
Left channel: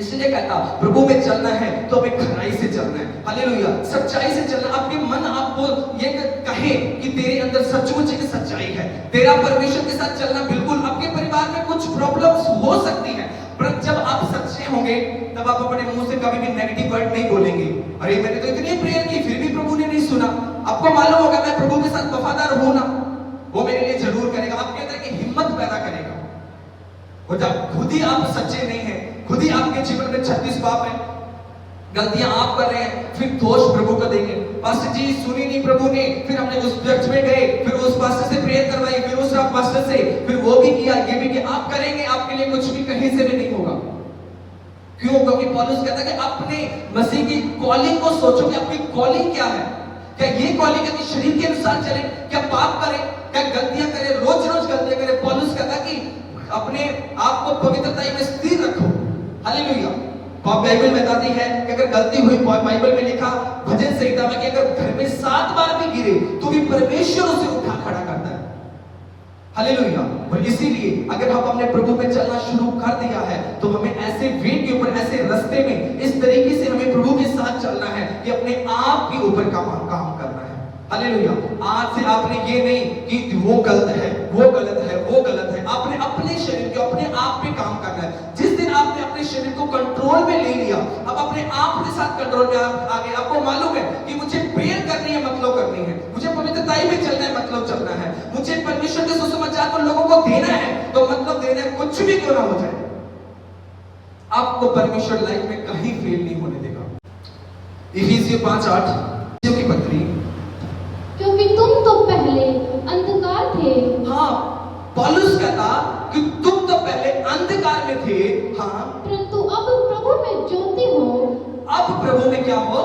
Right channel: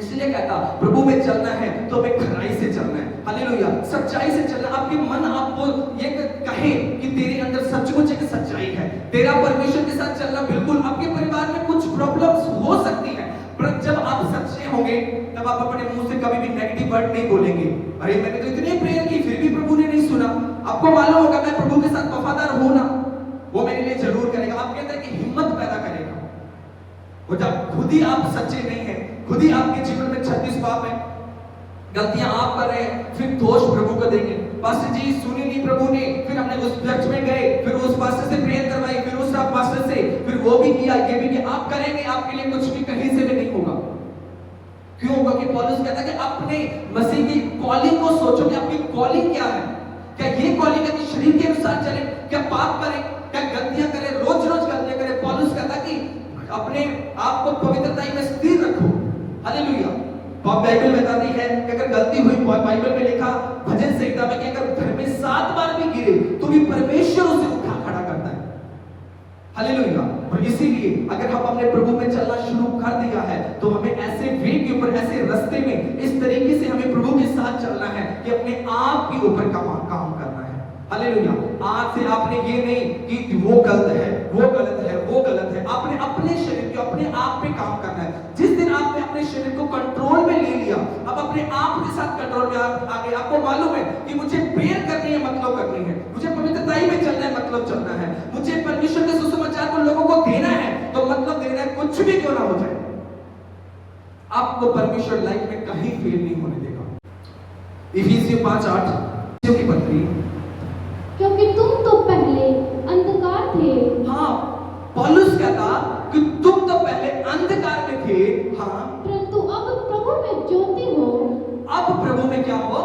इसलिए कहता प्रभु में चलना है तो हमें खराई से चलना है। हालेलुया। सच्चाई से चलना। आपके मन आपको ये कहे कि तेरे अंदर सचमुच एक सच्चाई है, तेरा परमेश्वर के साथ चलना। बिल्कुल आपके परिवार में कुछ प्रॉब्लम्स हो सकती है, पर जब आप सच्चे होंगे तब आप अपने मुंह से कभी भी नेगेटिव वर्ड नहीं बोलेंगे। अरे मैंने तो इतनी प्रेयर की फिर भी प्रभु ने नहीं सुना। आपको मालूम होगा मैं प्रभु के साथ वफादार हूं ना, वो मेरे लिए जरूर करेगा। आपके अंदर की हिम्मत पैदा करेगा। और जब खुद ही आप सच्चे नहीं है, खुद ही आपके जीवन में 36 पाप है, गलतियां आप कर रहे हैं, फिर दोष प्रभु को देंगे। पास्टर जी सुनी नहीं प्रभु ने, फिर हमने उस चर्च में गए, फिर उस पास्टर से प्रेयर करवाई, फिर उस पास्टर से, फिर वो भी किया, ये भी किया। आप करेंगे, आपके लिए कुछ भी कहीं से भी नहीं होगा। क्यों? क्योंकि पौलुस कहता है कि अपने मसीह की कॉलिंग को सोचो कि आपकी कॉलिंग क्या है। क्या ये कॉलिंग है कि शरीर के अनुसार चले, क्या पाप करें, क्या गलतियां करें, रोज रोज गलतियां करें? पौलुस कहता है कि अपने आप को पवित्रता में स्थिर रखो। हालेलुया। बाइबल बताती है कि अगर गलती हुई, बाइबल में लिखा भजन संहिता में कि अगर घर में 7 बार भी गिरे तो भी परमेश्वर उसे उठा खड़ा करता है। हालेलुया। और इसीलिए अगर हम अपने प्रभु में चलना शुरू कर दिया है तो हमें ऐसे वे के ऊपर, ऐसे रास्ते में इस तरीके से हमें प्रभु के साथ चलना है कि अपने आप के ऊपर काम करना है। हालेलुया। आज से आपने ये नहीं कि वो गलत है, वो गलत है, वो गलत है। आपने अपने शरीर के, अपने आप पे काम करना है। जिस दिन आपने अपने शरीर को कंट्रोल में ले लिया, अब अपने आप के साथ कंट्रोल में आ गए, आपको मालूम है कि मुझे प्रेयर करनी है, मतलब करनी है, मुझे पवित्रताई में चलना है, मतलब चलना है, मुझे परमेश्वर के सुसमाचार को लोगों को देना है, तो मतलब देना है, कुछ भी क्यों ना हो जाए। आपको परमेश्वर लाइफ में कहीं फेल नहीं होने देगा। इफिसियों 5:8 की पत्री, क्योंकि तुम तो पहले अंधकार थे। हाँ, पौलुस कहता कि तुम तो पहले अंधकार में थे, हाँ, परंतु अब प्रभु में ज्योति हो। अब प्रभु में क्या हो?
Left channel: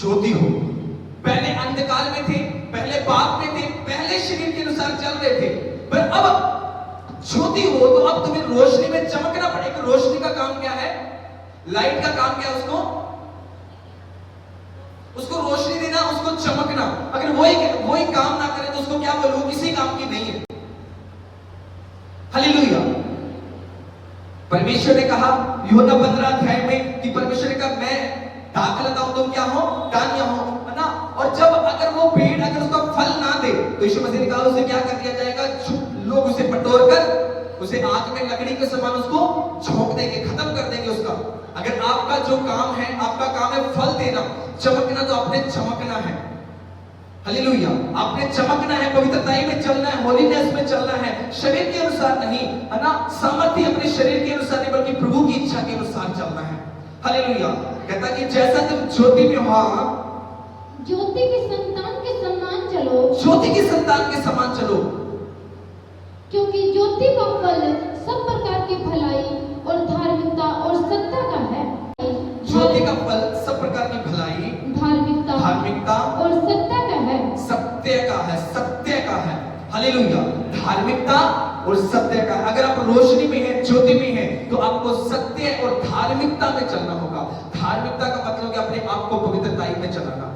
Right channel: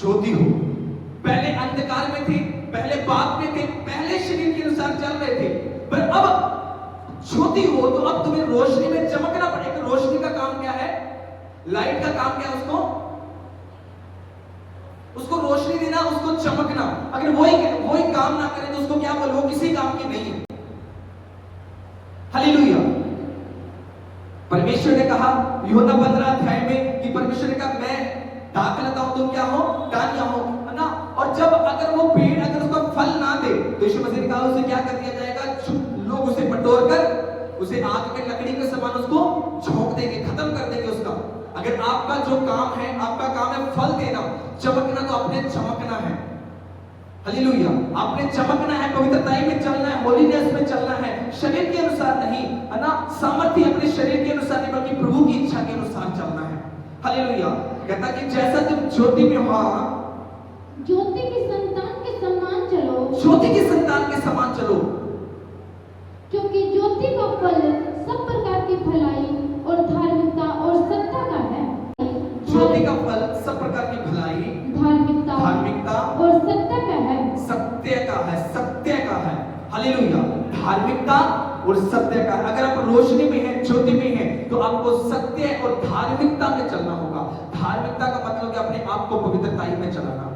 ज्योति हो। पहले अंधकार में थे, पहले पाप में थे, पहले शरीर के अनुसार चल रहे थे, पर अब ज्योति हो तो अब तुम्हें रोशनी में चमकना पड़ेगा। रोशनी का काम क्या है? लाइट का काम क्या है? उसको रोशनी देना, उसको चमकना। अगर वही काम ना करे तो उसको क्या बोले? वो किसी काम की नहीं है। हालेलुया। परमेश्वर ने कहा यूहन्ना 15 में कि परमेश्वर ने कहा मैं दाखलता हूं, तुम क्या हो? डालियां हो, है ना? और जब अगर वो पेड़ अगर उसका फल ना दे तो यीशु मसीह ने कहा उसे क्या कर दिया जाएगा? लोग उसे बटोर कर उसे आग में लकड़ी के समान उसको झोंक देंगे, खत्म कर देंगे उसका। अगर आपका जो काम है, आपका काम है फल देना, चमकना, तो आपने चमकना है। हालेलुया। आपने चमकना है, पवित्रताई में चलना है, होलीनेस में चलना है, शरीर के अनुसार नहीं, है ना? सामर्थ्य अपने शरीर के अनुसार नहीं बल्कि प्रभु की इच्छा के अनुसार चलना है। हालेलुया। कहता कि जैसा तुम ज्योति में हो, ज्योति की संतान के समान चलो। ज्योति की संतान के समान चलो, क्योंकि ज्योति का फल सब प्रकार की भलाई और धार्मिकता और सत्ता का है। ज्योति का फल सब प्रकार की धार्मिकता और सत्य का। अगर आप रोशनी में हैं, ज्योति में हैं, तो आपको सत्य और धार्मिकता में चलना होगा। धार्मिकता का मतलब कि अपने आप को पवित्रताई में चलाना।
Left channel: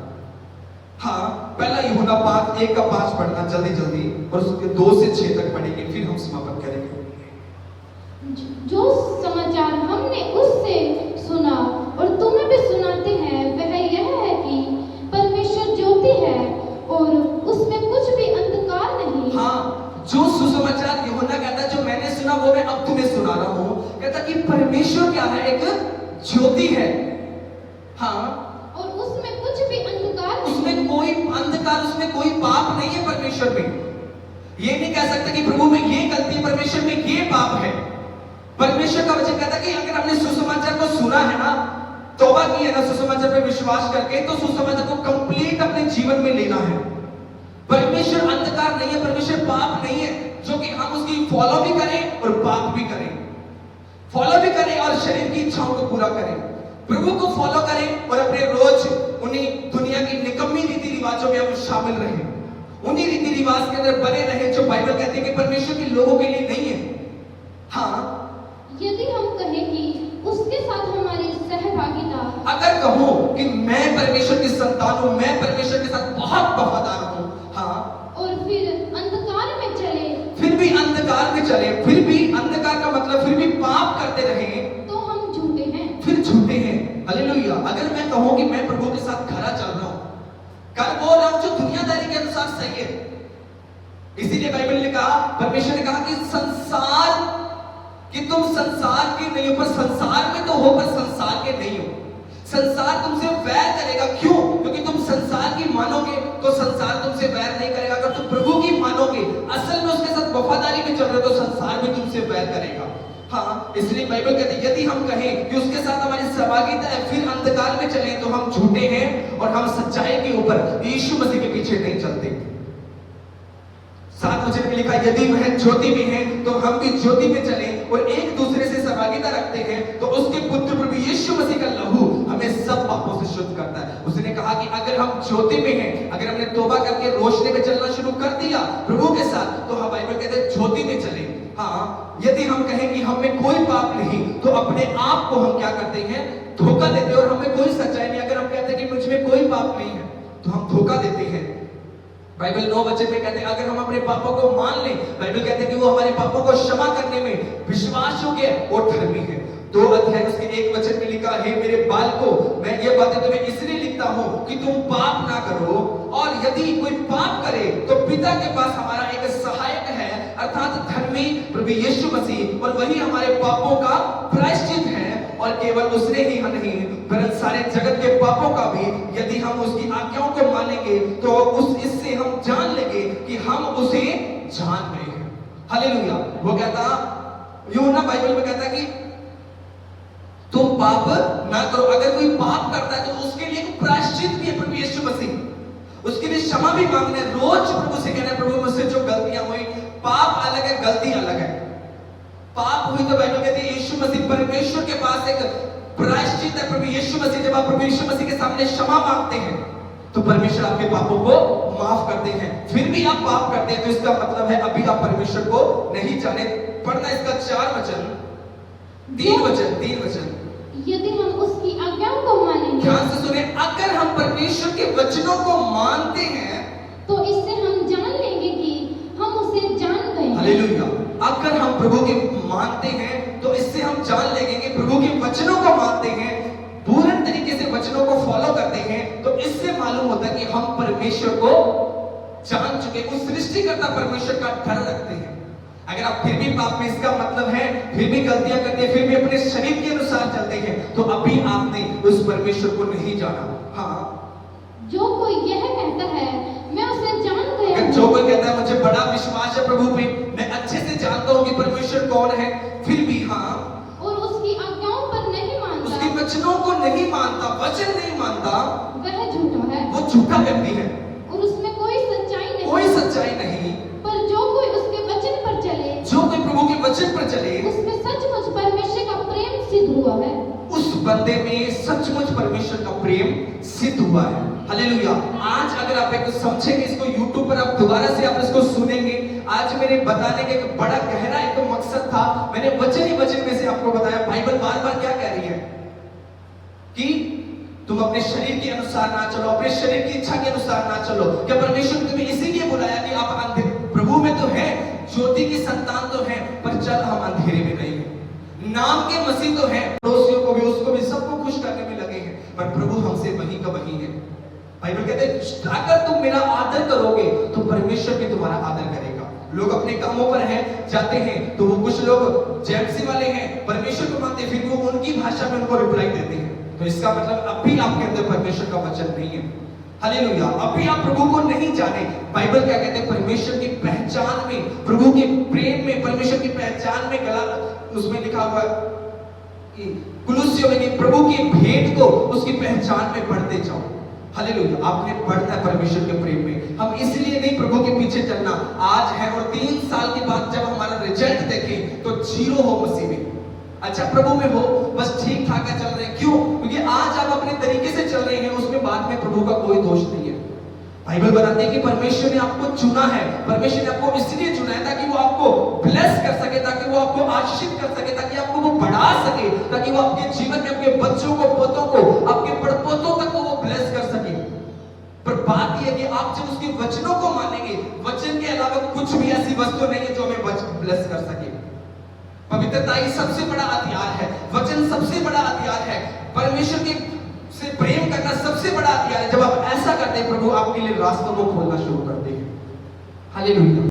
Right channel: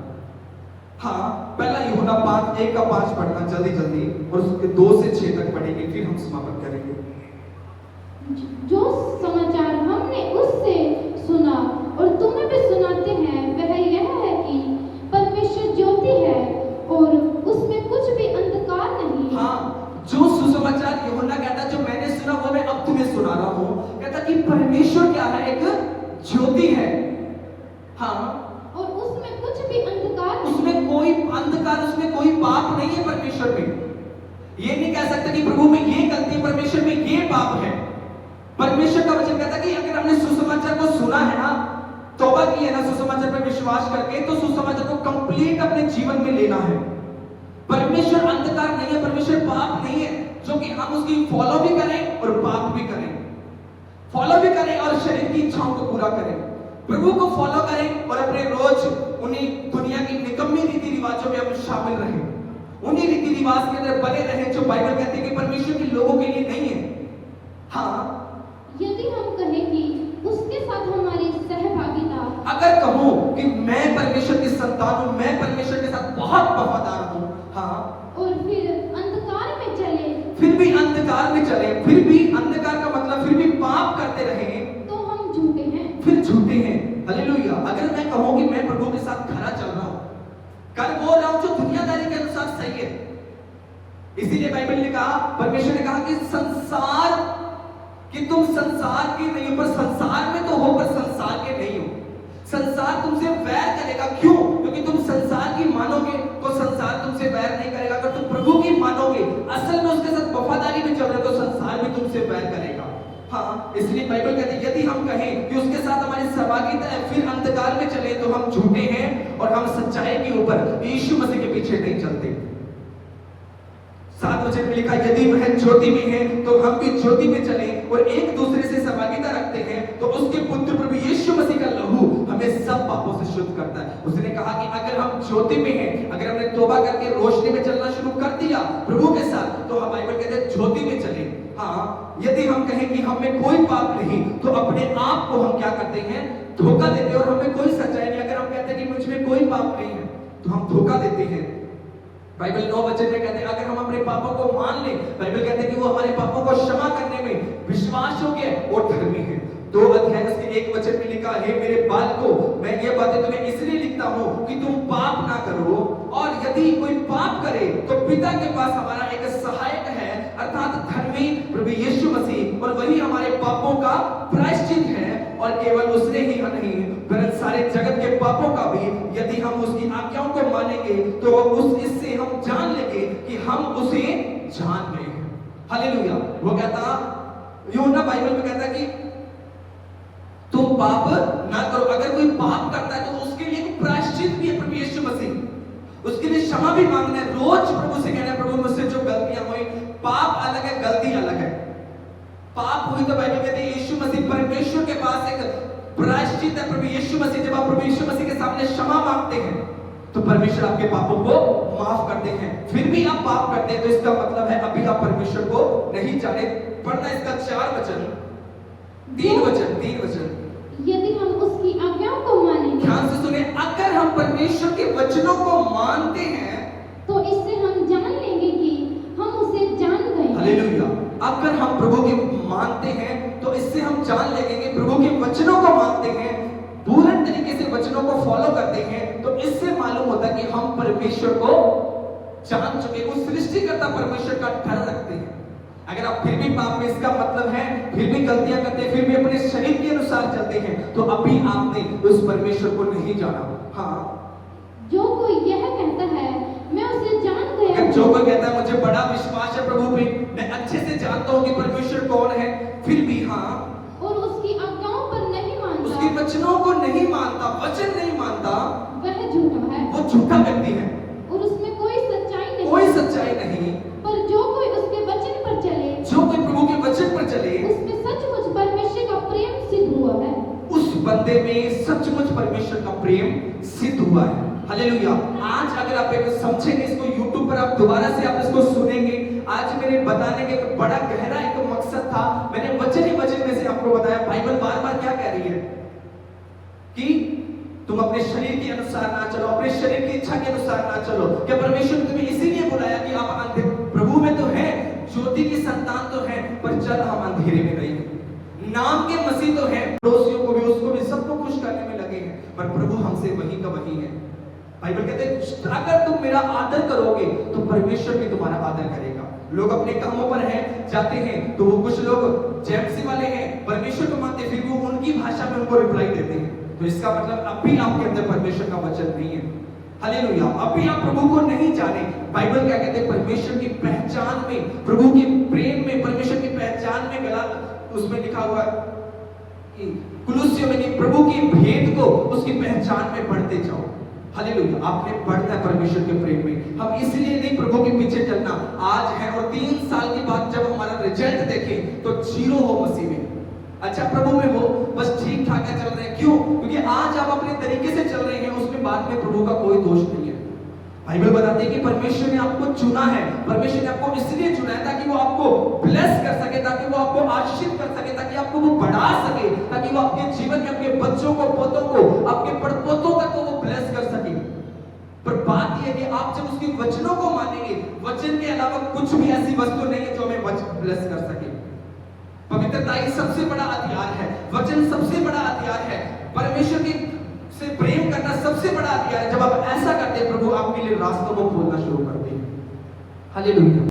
हाँ, पहला यूहन्ना 1:5 पढ़ना जल्दी जल्दी, और उसके 2 से 6 तक पढ़ेंगे, फिर हम समापन करेंगे। जो समाचार हमने उससे सुना और तुम्हें भी सुनाते हैं, वह यह है कि परमेश्वर ज्योति है और उसमें कुछ भी अंधकार नहीं। हाँ, जो सुसमाचार यूहन्ना कहता है, जो मैंने सुना वो मैं अब तुम्हें सुना रहा हूँ। कहता कि परमेश्वर क्या है, एक ज्योति है। हाँ, और उसमें कुछ भी अंधकार नहीं। उसमें कोई अंधकार, उसमें कोई पाप नहीं है। परमेश्वर में ये नहीं कह सकते कि प्रभु में ये गलती, परमेश्वर में ये पाप है। परमेश्वर का वचन कहता है कि अगर हमने सुसमाचार को सुना है ना, तौबा की है ना, सुसमाचार पर विश्वास करके, तो सुसमाचार को कंप्लीट अपने जीवन में लेना है। परमेश्वर अंधकार नहीं है, परमेश्वर पाप नहीं है, जो कि हम उसकी फॉलो भी करें और पाप भी करें, फॉलो भी करें और शरीर की इच्छाओं को पूरा करें। प्रभु को फॉलो करें और अपने रोज उन्हीं दुनिया की निकम्मी रीति रिवाजों में हम शामिल रहें, उन्हीं रीति रिवाज के अंदर बने रहें जो बाइबल कहती है कि परमेश्वर के लोगों के लिए नहीं है। हाँ, यदि हम कहें कि उसके साथ हमारी सहभागिता, अगर कहूं कि मैं परमेश्वर की संतान हूं, मैं परमेश्वर के साथ बहुत वफादार हूं, हाँ, और फिर अंधकार में चले, फिर भी अंधकार में चले, फिर भी अंधकार का मतलब फिर भी पाप करते रहे, तो हम झूठे हैं, फिर झूठे हैं। हालेलुया। अगर मैं कहूं कि मैं प्रभु के साथ खरा चल रहा हूं, कर बोल रहा हूं जो दुनियादारी के अनुसार सही है, इसीलिए बाइबल ने कहा, परमेश्वर ने कहा कि संसार, कि तुम संसार के नहीं हो, पर संसार में तो हो, पर संसार के नहीं हो। संसार तुमसे वैर करेगा, क्यों? क्योंकि तुम संसार की मानोगे तो संसार तुमसे वैर नहीं करेगा। अगर तुम प्रभु की मानोगे, असल में उसके साथ वफादारी में चल रहे हो, तो संसार भी तुमसे वैर करेगा। हाँ, इसलिए बाइबल कहती है यदि हम कहें कि उसके साथ हमारी सहभागिता है, फिर अंधकार में चले, तो हम झूठे हैं और हम सच्चाई के ऊपर यीशु मसीह के पीछे नहीं चलते। 7 वचन में लिखा, यदि वह ज्योति में है तो हम भी ज्योति में चलें और एक दूसरे से सहभागिता रखते हैं, तो उसके पुत्र प्रभु यीशु मसीह का लहू हमें सब पापों से शुद्ध करता है। उसने कहा कि अगर हम ज्योति में हैं, अगर हमने तौबा करके रोशनी में चलना शुरू कर दिया प्रभु के साथ, तो हम बाइबल कहते हैं ज्योति में चले। हाँ, यदि हम कहें कि हमें कोई पाप नहीं, तो अपने आप को हम क्या करते हैं, धोखा देते हैं और हमें कोई सच्चाई नहीं। अगर हम कहते हैं कि मुझ में कोई पाप नहीं है, तो हम धोखा देते हैं। बाइबल 9 वचन में कहते हैं अगर हम अपने पापों को मान लें, बाइबल कहते हैं कि वो हमारे पापों को क्षमा करने में विश्वास योग्य और धर्मी है। 2 अध्याय उसके 1 वचन में लिखा, हे मेरे बालकों, मैं ये बातें तुम्हें इसलिए लिखता हूं कि तुम पाप ना करो, और यदि कोई पाप करे तो पिता के पास हमारा एक सहायक है, अर्थात धर्मी प्रभु यीशु मसीह, और वही हमारे पापों का प्रायश्चित है। और केवल उसने ही नहीं, वरन सारे जगत के पापों का भी, यदि हम उसकी आज्ञाओं को मानेंगे, तो इससे हम जान लेंगे कि हम उसे जान रहे हैं। हालेलुया। वो कहता, यूहन्ना बाइबल में कहता कि तुम पाप ना करो। अगर कोई पाप करता है तो उसके लिए प्रायश्चित भी है प्रभु यीशु मसीह, उसके लिए क्षमा भी मांगना है। रोज प्रभु से कहना है, प्रभु मुझसे जो गलतियां हुई, पाप अलग है, गलती अलग है। पाप हुई तो बाइबल कहती है यीशु मसीह, परमेश्वर के पास एक प्रायश्चित है प्रभु यीशु मसीह। जब आप प्रभु यीशु मसीह के सामने क्षमा मांगते हैं, तो परमेश्वर आपके पापों को माफ करते हैं। फिर भी आप पाप करते हैं, तो इसका मतलब है अभी आप परमेश्वर को नहीं जाने। पढ़ना इसका 4 वचन, 3 वचन। यदि हम उसकी आज्ञाओं को मानेंगे, ध्यान से सुने, अगर हम परमेश्वर के वचनों को मानते हैं, तो इससे हम जान लेंगे कि हम उसे जान गए। हालेलुया। अगर हम प्रभु के मानते हैं, तो इससे हम जान लेंगे कि प्रभु के वचनों को मानते हैं, पूर्ण तरीके से वचनों को फॉलो करते हैं, तो इससे मालूम होता है कि हम परमेश्वर को जान चुके, उस सृष्टिकर्ता परमेश्वर का डर रखते हैं। अगर आप फिर भी पाप में, इसका मतलब है फिर भी गलतियां करते हैं, फिर भी अपने शरीर के अनुसार चलते हैं, तो अभी आपने उस परमेश्वर को नहीं जाना। हाँ, जो कोई यह कहता है मैं उसे जान गया, जो कोई कहता है मुझे बड़ा विश्वास है प्रभु पे, मैं अच्छे से जानता हूँ कि परमेश्वर कौन है, फिर भी हाँ, और उसकी आज्ञाओं पर नहीं मानता, उसके वचनों को नहीं मानता, वचन नहीं मानता, वह झूठा है, वो झूठा व्यक्ति है और उसमें कोई सच्चाई नहीं। कोई सच्चाई नहीं। पर जो कोई उसके वचन पर चले, जो कोई प्रभु के वचन पर चले, उसमें सचमुच परमेश्वर का प्रेम सिद्ध हुआ है। उस बंदे में सचमुच परमेश्वर का प्रेम सिद्ध हुआ है। हालेलुया। आज अगर आप एक समझेंगे इसको, YouTube पर आप दोबारा से आप इसको सुनेंगे, आज मेरे बताने का एक बड़ा गहरा एक मकसद था। मैंने वचन ही वचन में से आपको बताया, बाइबल बार बार क्या कह रही है कि तुम अपने शरीर के अनुसार ना चलो, अपने शरीर की इच्छा के अनुसार ना चलो। क्या परमेश्वर ने तुम्हें इसीलिए बुलाया कि आप अंधेरे, प्रभु में तो है, ज्योति की संतान तो है, पर चल हम अंधेरे में नहीं है। नाम के मसीह तो है, पड़ोसियों को भी, उसको भी, सबको खुश करने में लगे हैं, पर प्रभु हमसे वही का वही है। बाइबल कहते हैं अगर तुम मेरा आदर करोगे तो परमेश्वर भी तुम्हारा आदर करेगा। लोग अपने कामों पर हैं, जाते हैं, तो वो कुछ लोग जेएमसी वाले हैं, परमेश्वर को मानते, फिर वो उनकी भाषा में उनको रिप्लाई देते हैं। तो इसका मतलब अब भी आपके अंदर परमेश्वर का वचन नहीं है। हालेलुया, अब भी आप प्रभु को नहीं जाने। बाइबल क्या कहते हैं, परमेश्वर की पहचान में, प्रभु के प्रेम में, परमेश्वर की पहचान में, गला उसमें लिखा हुआ है कि कुलुस्सियों में कि प्रभु की भेंट को उसकी पहचान में बढ़ते जाओ। हालेलुया, आपने बढ़ना है परमेश्वर के प्रेम में। हम इसलिए नहीं प्रभु के पीछे चलना आज है और 3 साल के बाद जब हमारा रिजल्ट देखें तो 0 हो मसीह में। अच्छा प्रभु में हो, बस ठीक ठाक चल रहे हैं, क्यों? क्योंकि आज आप अपने तरीके से चल रहे हैं, उसमें बाद में प्रभु का कोई दोष नहीं है। बाइबल बताती है कि परमेश्वर ने आपको चुना है, परमेश्वर ने आपको इसलिए चुना है ताकि वो आपको ब्लेस कर सके, ताकि वो आपको आशीषित कर सके, ताकि आपको वो बढ़ा सके, ताकि वो आपके जीवन में आपके बच्चों को, पोतों को, आपके पड़पोतों तक को वो ब्लेस कर सके। पर बात यह है कि आप जब उसके वचनों को मानेंगे, वचन के अलावा कुछ भी ऐसी वस्तु नहीं है जो हमें ब्लेस कर सके। पवित्रता ही सबसे बड़ा हथियार है, वचन सबसे बड़ा हथियार है, परमेश्वर के से प्रेम करना सबसे बड़ा हथियार है। जब आप ऐसा करते हैं, प्रभु आपके लिए रास्तों को खोलना शुरू करते हैं। हालेलुया।